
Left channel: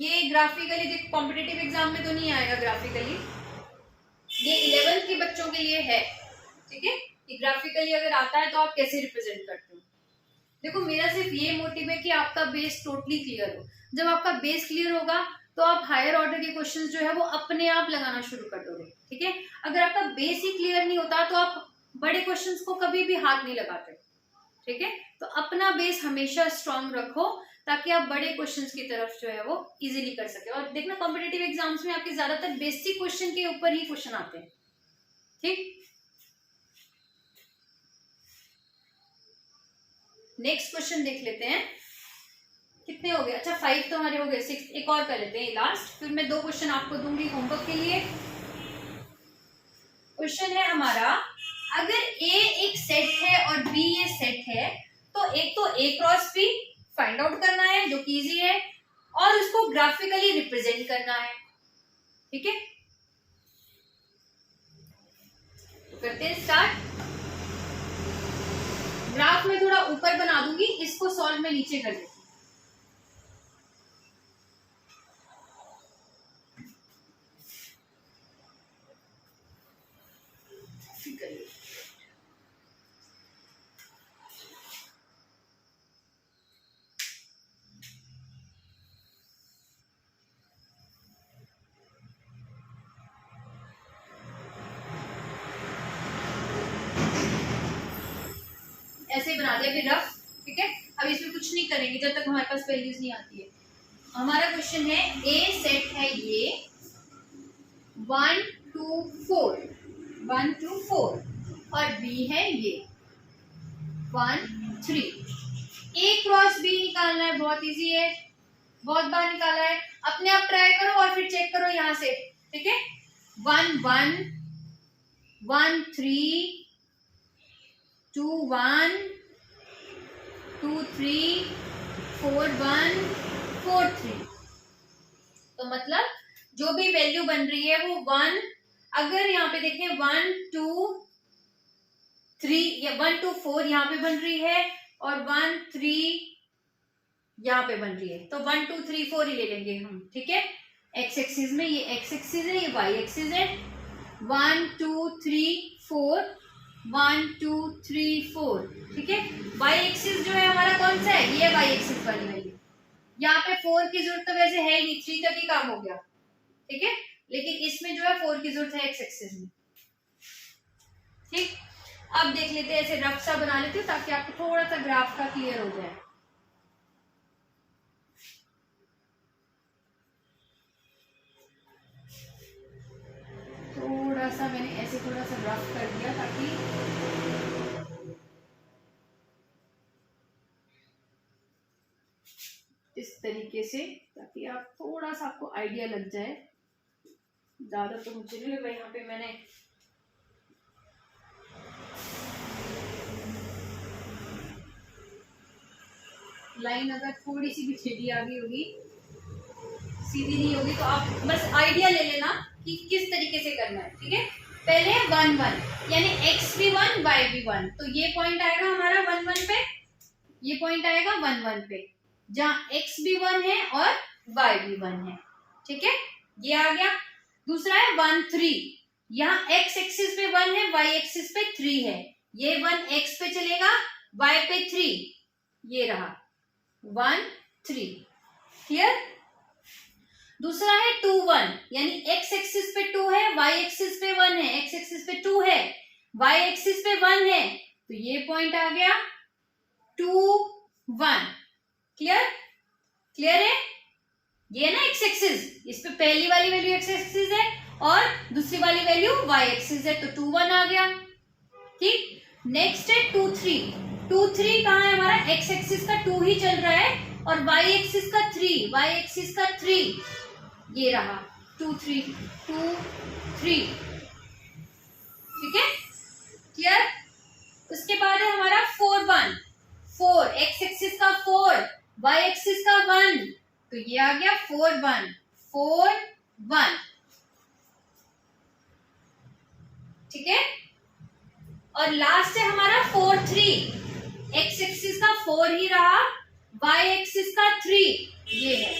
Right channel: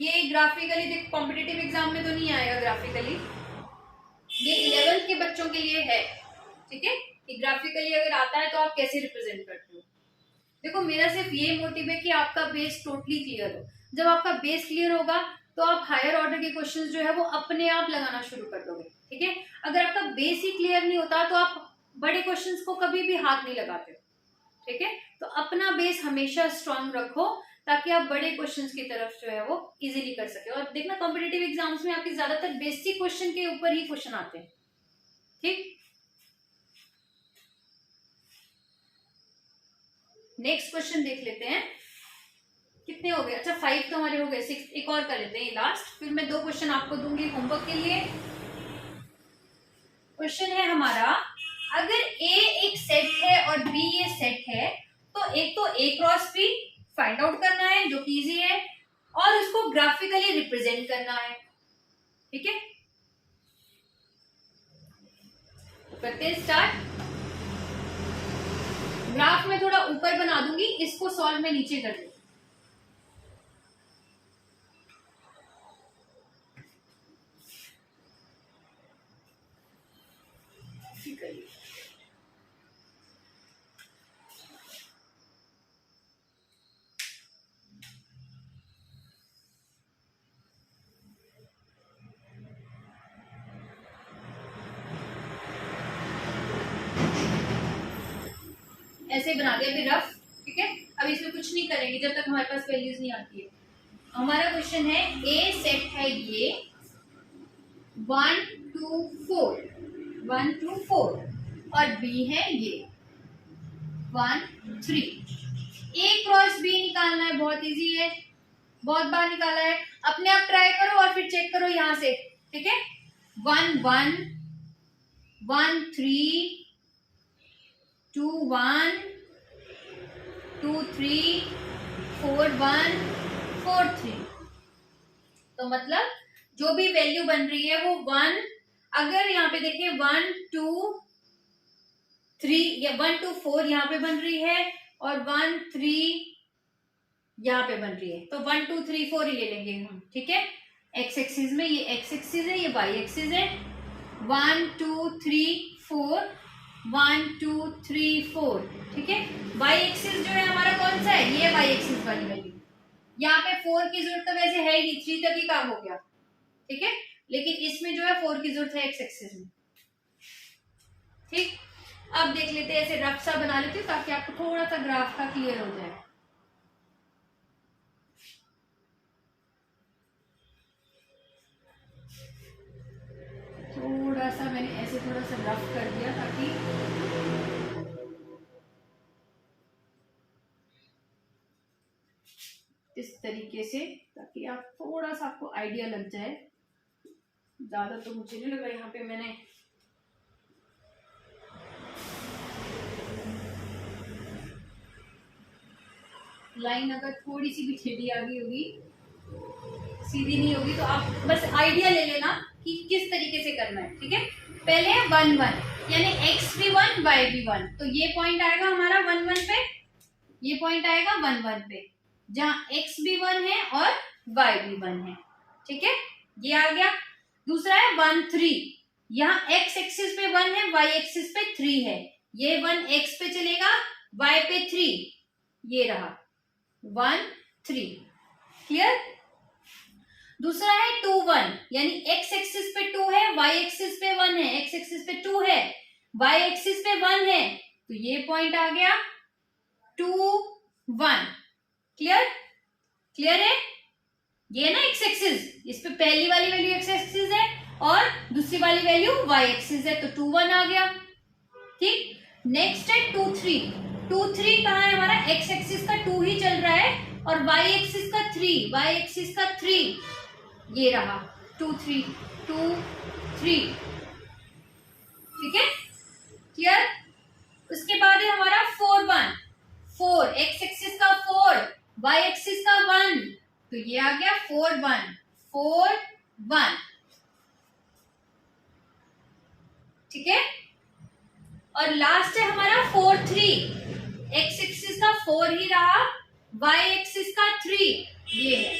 ये ग्राफिकली देख, कॉम्पिटिटिव एग्जाम में तो नहीं आएगा ग्राफिकली, ये 11th के बच्चों के लिए है। ठीक है, कि ग्राफिकली अगर आता है तो आप कैसे रिप्रेजेंट करते हो। देखो मेरा सिर्फ ये मोटिव है कि आपका बेस टोटली क्लियर हो। जब आपका बेस क्लियर होगा तो आप हायर ऑर्डर के क्वेश्चंस जो है वो अपने आप लगाना शुरू कर दोगे। ठीक है, अगर आपका बेस ही क्लियर नहीं होता तो आप बड़े क्वेश्चंस को कभी भी हाथ नहीं लगाते। ठीक है, तो अपना बेस हमेशा स्ट्रांग रखो, ताकि आप बड़े क्वेश्चंस की तरफ जो है वो इजीली कर सके। और देखना कॉम्पिटिटिव एग्जाम्स में आपके ज्यादातर बेसिक क्वेश्चन के ऊपर ही क्वेश्चन आते हैं। ठीक, नेक्स्ट क्वेश्चन देख लेते हैं। कितने हो गए? अच्छा 5 तो हमारे हो गए, 6 एक और कर लेते हैं लास्ट, फिर मैं 2 क्वेश्चन आपको दूंगी होमवर्क के लिए। क्वेश्चन है हमारा, अगर A एक सेट है और B ये सेट है, तो एक तो A cross B find out करना है जो कि इजी है, और उसको ग्राफिकली रिप्रेजेंट करना है। ठीक है, तो करते हैं स्टार्ट। ग्राफ में थोड़ा ऊपर बना दूंगी, इसको सॉल्व में नीचे कर दूंगी। ऐसे बना दिया फिर रफ। ठीक है, अब इसमें कुछ नहीं करेंगे जब तक हमारे पास वैल्यूज नहीं आती है। हमारा क्वेश्चन है, ए सेट है ये 1 2 4 1 2 4 और बी है ये 1 3। ए क्रॉस बी निकालना है, बहुत इजी है, बहुत बार निकाला है। अपने आप ट्राई करो और फिर चेक करो यहां से। ठीक है, 1 1 1 3 2 1 2 3 4 1 4 3। तो मतलब जो भी वैल्यू बन रही है वो 1, अगर यहाँ पे देखें 1 2 3 या 1 2 4 यहाँ पे बन रही है और 1 3 यहाँ पे बन रही है, तो 1 2 3 4 ही ले लेंगे हम। ठीक है, एक्स एक्सिस में ये एक्स एक्सिस है, ये वाई एक्सिस है। 1 2 3 4 1 2 3 4। ठीक है, वाई एक्सिस जो है हमारा कौन सा है? ये वाई एक्सिस वाली वैल्यू। यहाँ पे 4 की जरूरत तो वैसे है ही नहीं, 3 तक ही काम हो गया। ठीक है, लेकिन इसमें जो है 4 की जरूरत है एक्स एक्सिस में। ठीक, अब देख लेते हैं, ऐसे रफ सा बना लेती हूँ ताकि आपको थोड़ा सा ग्राफ का क्लियर हो जाए। थोड़ा सा मैंने ऐसे थोड़ा सा रफ कर दिया ताकि इस तरीके से, ताकि आप थोड़ा सा आपको आइडिया लग जाए। ज्यादा तो मुझे नहीं लगा यहाँ पे मैंने लाइन अगर थोड़ी सी भी टेढ़ी आ गई होगी, सीधी नहीं होगी, तो आप बस आइडिया ले लेना कि किस तरीके से करना है। ठीक है, पहले 1 1 यानी x भी 1 y भी 1, तो ये पॉइंट आएगा हमारा 1 1 पे, ये पॉइंट आएगा 1 1 पे, जहां x भी 1 है और y भी 1 है। ठीक है, ये आ गया। दूसरा है 1 3, यहाँ x एक्सिस पे 1 है, y एक्सिस पे 3 है, ये 1 x पे चलेगा, y पे 3, ये रहा 1 3। क्लियर? दूसरा है 2 1, यानी x एक्सिस पे 2 है, y एक्सिस पे 1 है, x एक्सिस पे 2 है, y एक्सिस पे 1 है, तो ये पॉइंट आ गया 2 1। क्लियर? क्लियर है? ये ना x एक्सिस, इस पे पहली वाली वैल्यू x एक्सिस है और दूसरी वाली वैल्यू y एक्सिस है, तो 2 1 आ गया। ठीक, नेक्स्ट है 2 3। 2 3 कहाँ है हमारा? x एक्सिस का 2 ही चल रहा है और y एक्सिस का 3, y एक्सिस का 3, ये रहा 2 3 2 3। ठीक है, क्लियर? उसके बाद है हमारा 4 1 4, x एक्सिस का 4, y एक्सिस का 1, तो ये आ गया 4 1 4 1। ठीक है, और लास्ट है हमारा 4 3, x एक्सिस का 4 ही रहा, y एक्सिस का 3, ये है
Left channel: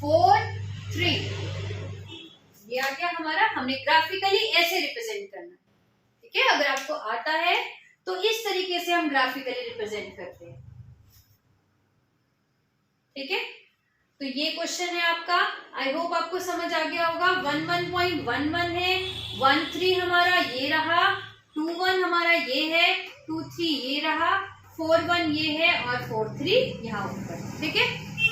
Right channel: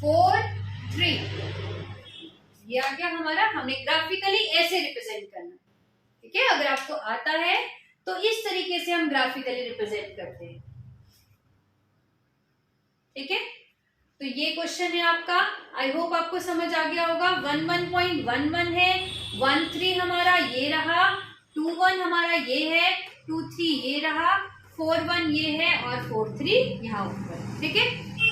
4 3, ये आ गया हमारा। हमने ग्राफिकली ऐसे रिप्रेजेंट करना। ठीक है, अगर आपको आता है तो इस तरीके से हम ग्राफिकली रिप्रेजेंट करते हैं। ठीक है, तो ये क्वेश्चन है आपका। आई होप आपको समझ आ गया होगा। 1 1.11 है, 1 3 हमारा ये रहा, 2 1 हमारा ये है, 2 3 ये रहा, 4 1 ये है और 4 3 यहाँ ऊपर, ठीक है।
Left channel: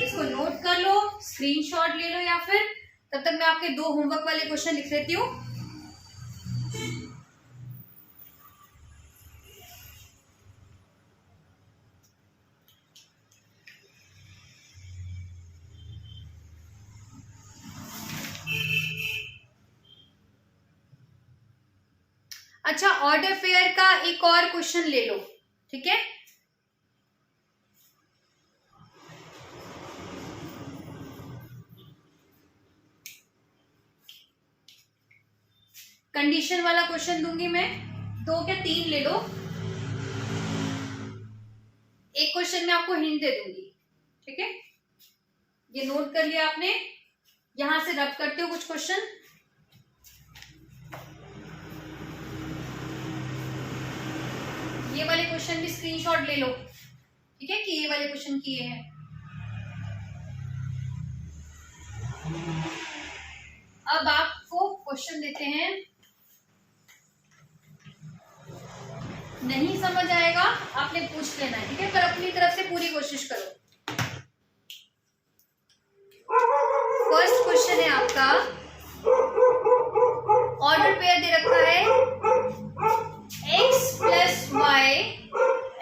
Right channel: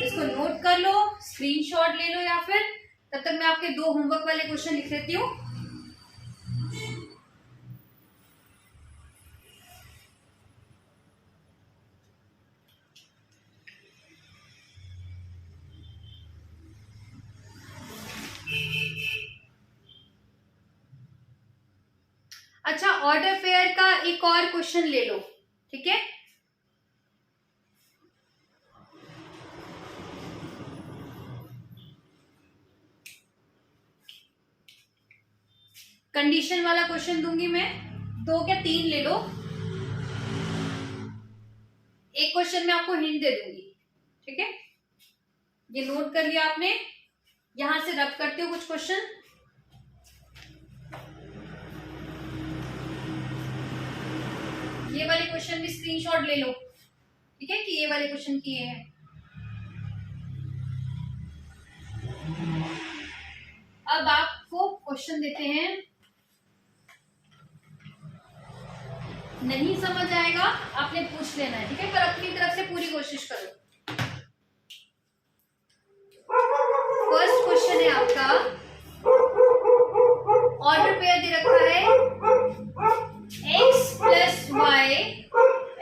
इसको नोट कर लो, स्क्रीनशॉट ले लो, या फिर तब तक मैं आपके 2 होमवर्क वाले क्वेश्चन लिख लेती हूँ। अच्छा, ऑर्डर पेयर का एक और क्वेश्चन ले लो, ठीक है। कंडीशन वाला क्वेश्चन दूंगी मैं, 2 क्या 3 ले लो। एक क्वेश्चन में आपको हिंट दे दूंगी, ठीक है। ये नोट कर लिया आपने, यहां से रब करते हो कुछ क्वेश्चन। ये वाले क्वेश्चन भी स्क्रीनशॉट ले लो, ठीक है, कि ये वाले क्वेश्चन किए हैं। अब आपको क्वेश्चन देते हैं, नहीं समझ आएगा आपने पूछ लेना है, ठीक है, पर अपनी तरफ से पूरी कोशिश करो। फर्स्ट क्वेश्चन है आपका, ऑर्डर पेयर दे रखा है x plus y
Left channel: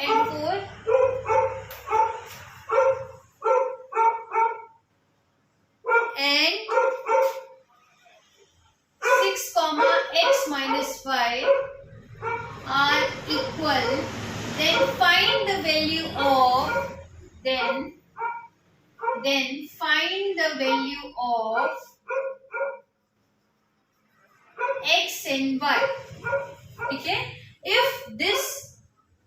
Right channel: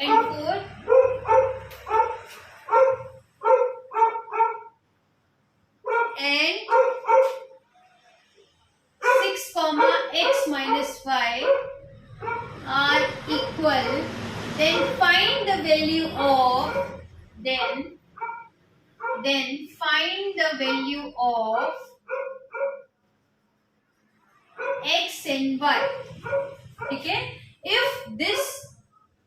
and 4 and 6, x minus y are equal, then find the value of find the value of x and y, ठीक है। If this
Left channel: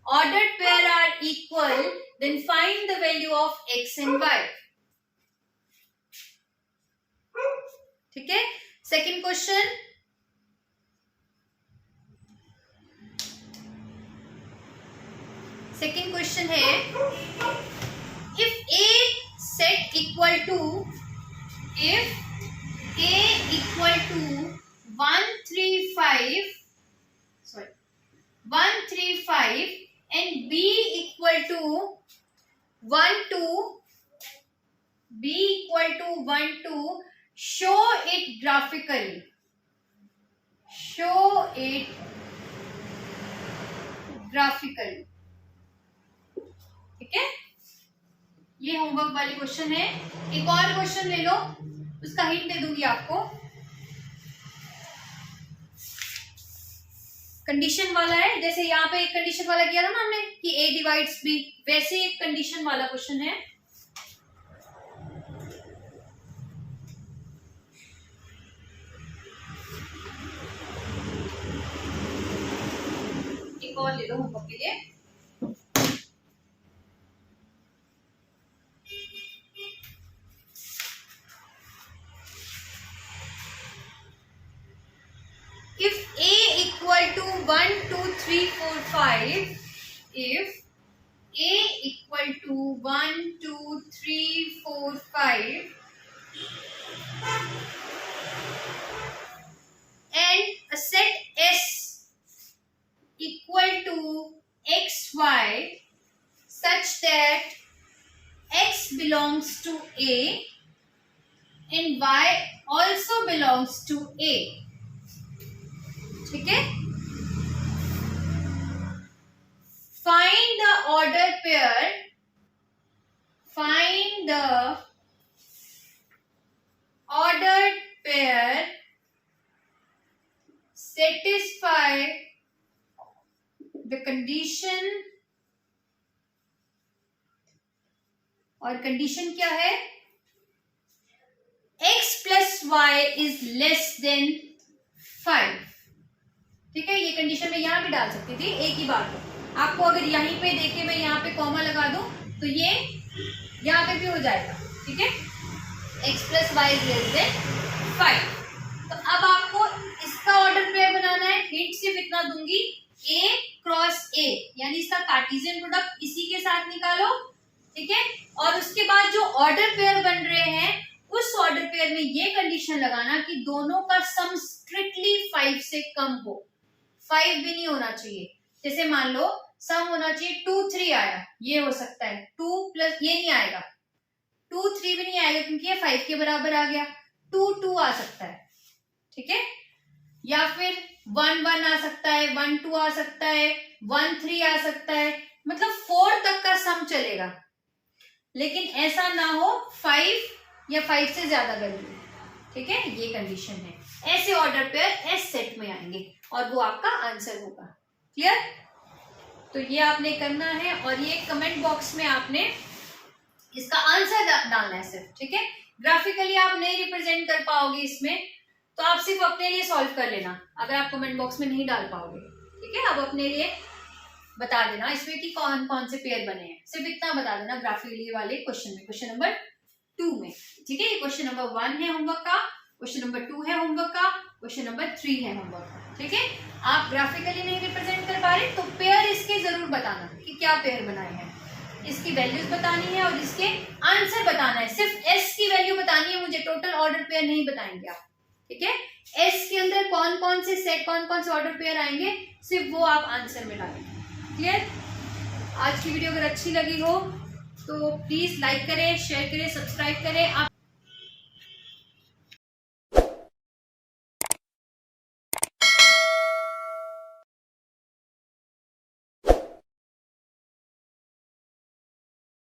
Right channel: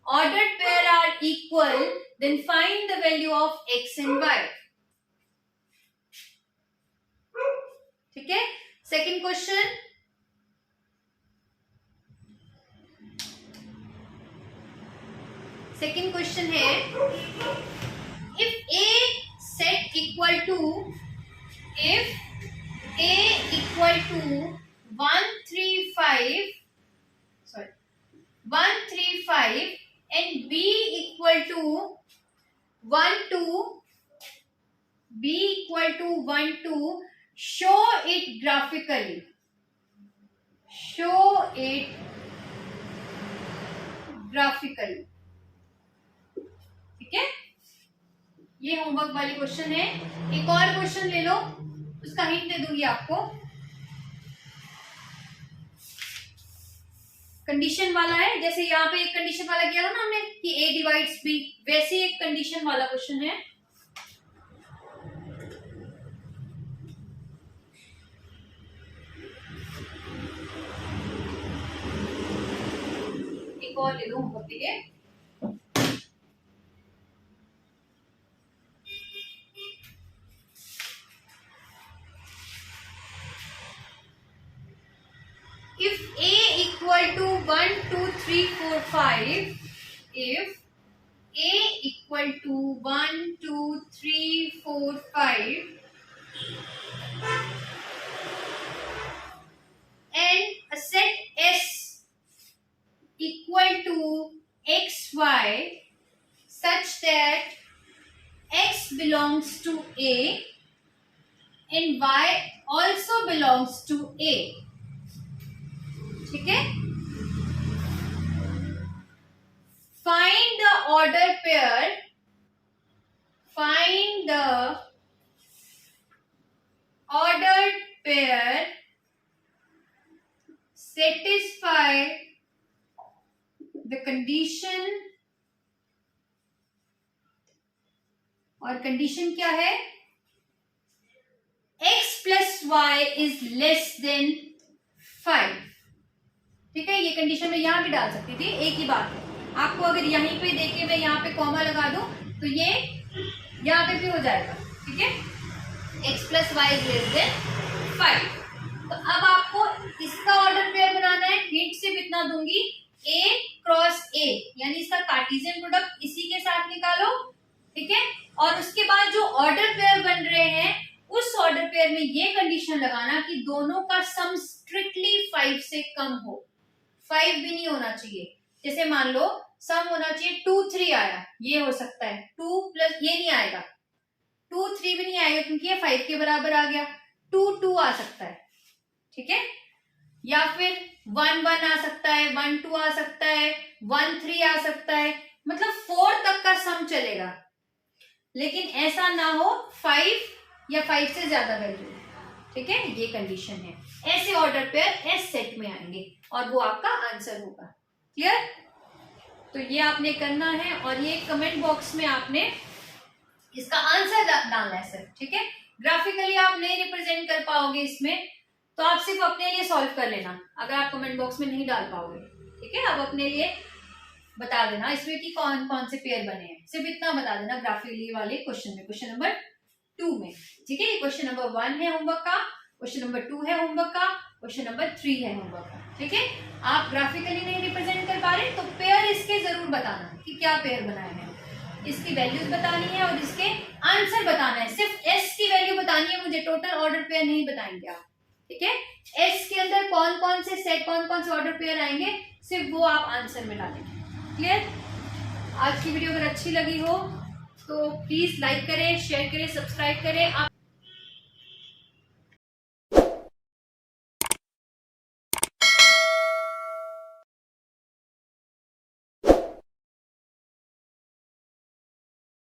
ordered pair are equal, then find the value of x and y, ठीक है। Second question, second question है, if a set equal to 135 and b equal to 1 2, show it graphically, ठीक है। ये homework वाली question है। एक और क्वेश्चन ले लो, उसका हिंट दे दूंगी आपको। कंडीशन वाला है, जैसे यहाँ पे एक कंडीशन वाला किया था ना हमने कि a डिवाइड्स b, वैसे एक कंडीशन वाला क्वेश्चन है। एक और ले लो होमवर्क के लिए। If a equal to 1 2 3 4 5, if a equal to 1 2 3 4 5 and a set S equal to xy such that x belongs to a and y also belongs to a, ठीक है। Find the ordered pair, satisfy the condition, और condition क्या है, x plus y is less than 5, ठीक है। ये condition में यहां भी डाल सकती थी, एक ही बात है। आपको अगर यहीं पे देखे मैं यहाँ पे कॉमा लगा दूं तो ये यहाँ पे भी हो जाएगा, ठीक है। x plus y is less than 5। तो अब आपको इसका ऑर्डर पेयर बनाना है। हिंट सिर्फ इतना दूंगी, a क्रॉस a, यानी इसका कार्टेशियन प्रोडक्ट इसी के साथ निकालो, ठीक है। और उसके बाद जो ऑर्डर पेयर बन रहे हैं उस ऑर्डर पेयर में ये कंडीशन लगाना कि दोनों का सम स्ट्रिक्टली 5 से कम हो, 5 भी नहीं होना चाहिए। जैसे मान लो सम होना चाहिए 2 3 आया, ये हो सकता है 2 प्लस, ये नहीं आएगा, 2 3 भी नहीं आएगा क्योंकि ये 5 के बराबर आ गया, 2 2 आ सकता है, ठीक है, या फिर 1 1 आ सकता है, 1 2 आ सकता है, 1 3 आ सकता है, मतलब 4 तक का सम चलेगा, लेकिन ऐसा ना हो 5 या 5 से ज्यादा वैल्यू, ठीक है, ये कंडीशन है। ऐसे ऑर्डर पेयर एस सेट में आएंगे और वो आपका आंसर होगा। क्लियर? तो ये आपने करना है और ये कमेंट बॉक्स में आपने इसका आंसर डालना है सिर्फ, ठीक है। ग्राफिकली आप नहीं रिप्रेजेंट कर पाओगे इसमें, तो आप सिर्फ अपने लिए सॉल्व कर लेना अगर आप कमेंट बॉक्स में नहीं डाल पाओगे, ठीक है। आप अपने लिए बता देना इसमें कि कौन कौन से पेयर बने हैं, सिर्फ इतना बता देना ग्राफिकली वाले क्वेश्चन में, क्वेश्चन नंबर 2 में, ठीक है। ये क्वेश्चन नंबर 1 है होमवर्क का, क्वेश्चन नंबर 2 है होमवर्क का, क्वेश्चन नंबर 3 है होमवर्क का, ठीक है। आप ग्राफिकली नहीं रिप्रेजेंट कर पा रहे तो पेयर इसके जरूर बताना कि क्या पेयर बनाए हैं, इसकी वैल्यूज बतानी है और इसके आंसर बताना है। सिर्फ एस की वैल्यू बतानी है मुझे, टोटल ऑर्डर पेयर नहीं बताएंगे आप, ठीक है। एस के अंदर कौन कौन से सेट, कौन कौन से ऑर्डर पेयर आएंगे, सिर्फ वो आप आंसर में डालेंगे। क्लियर? आज की वीडियो अगर अच्छी लगी हो तो प्लीज लाइक करें, शेयर करें, सब्सक्राइब करें। आप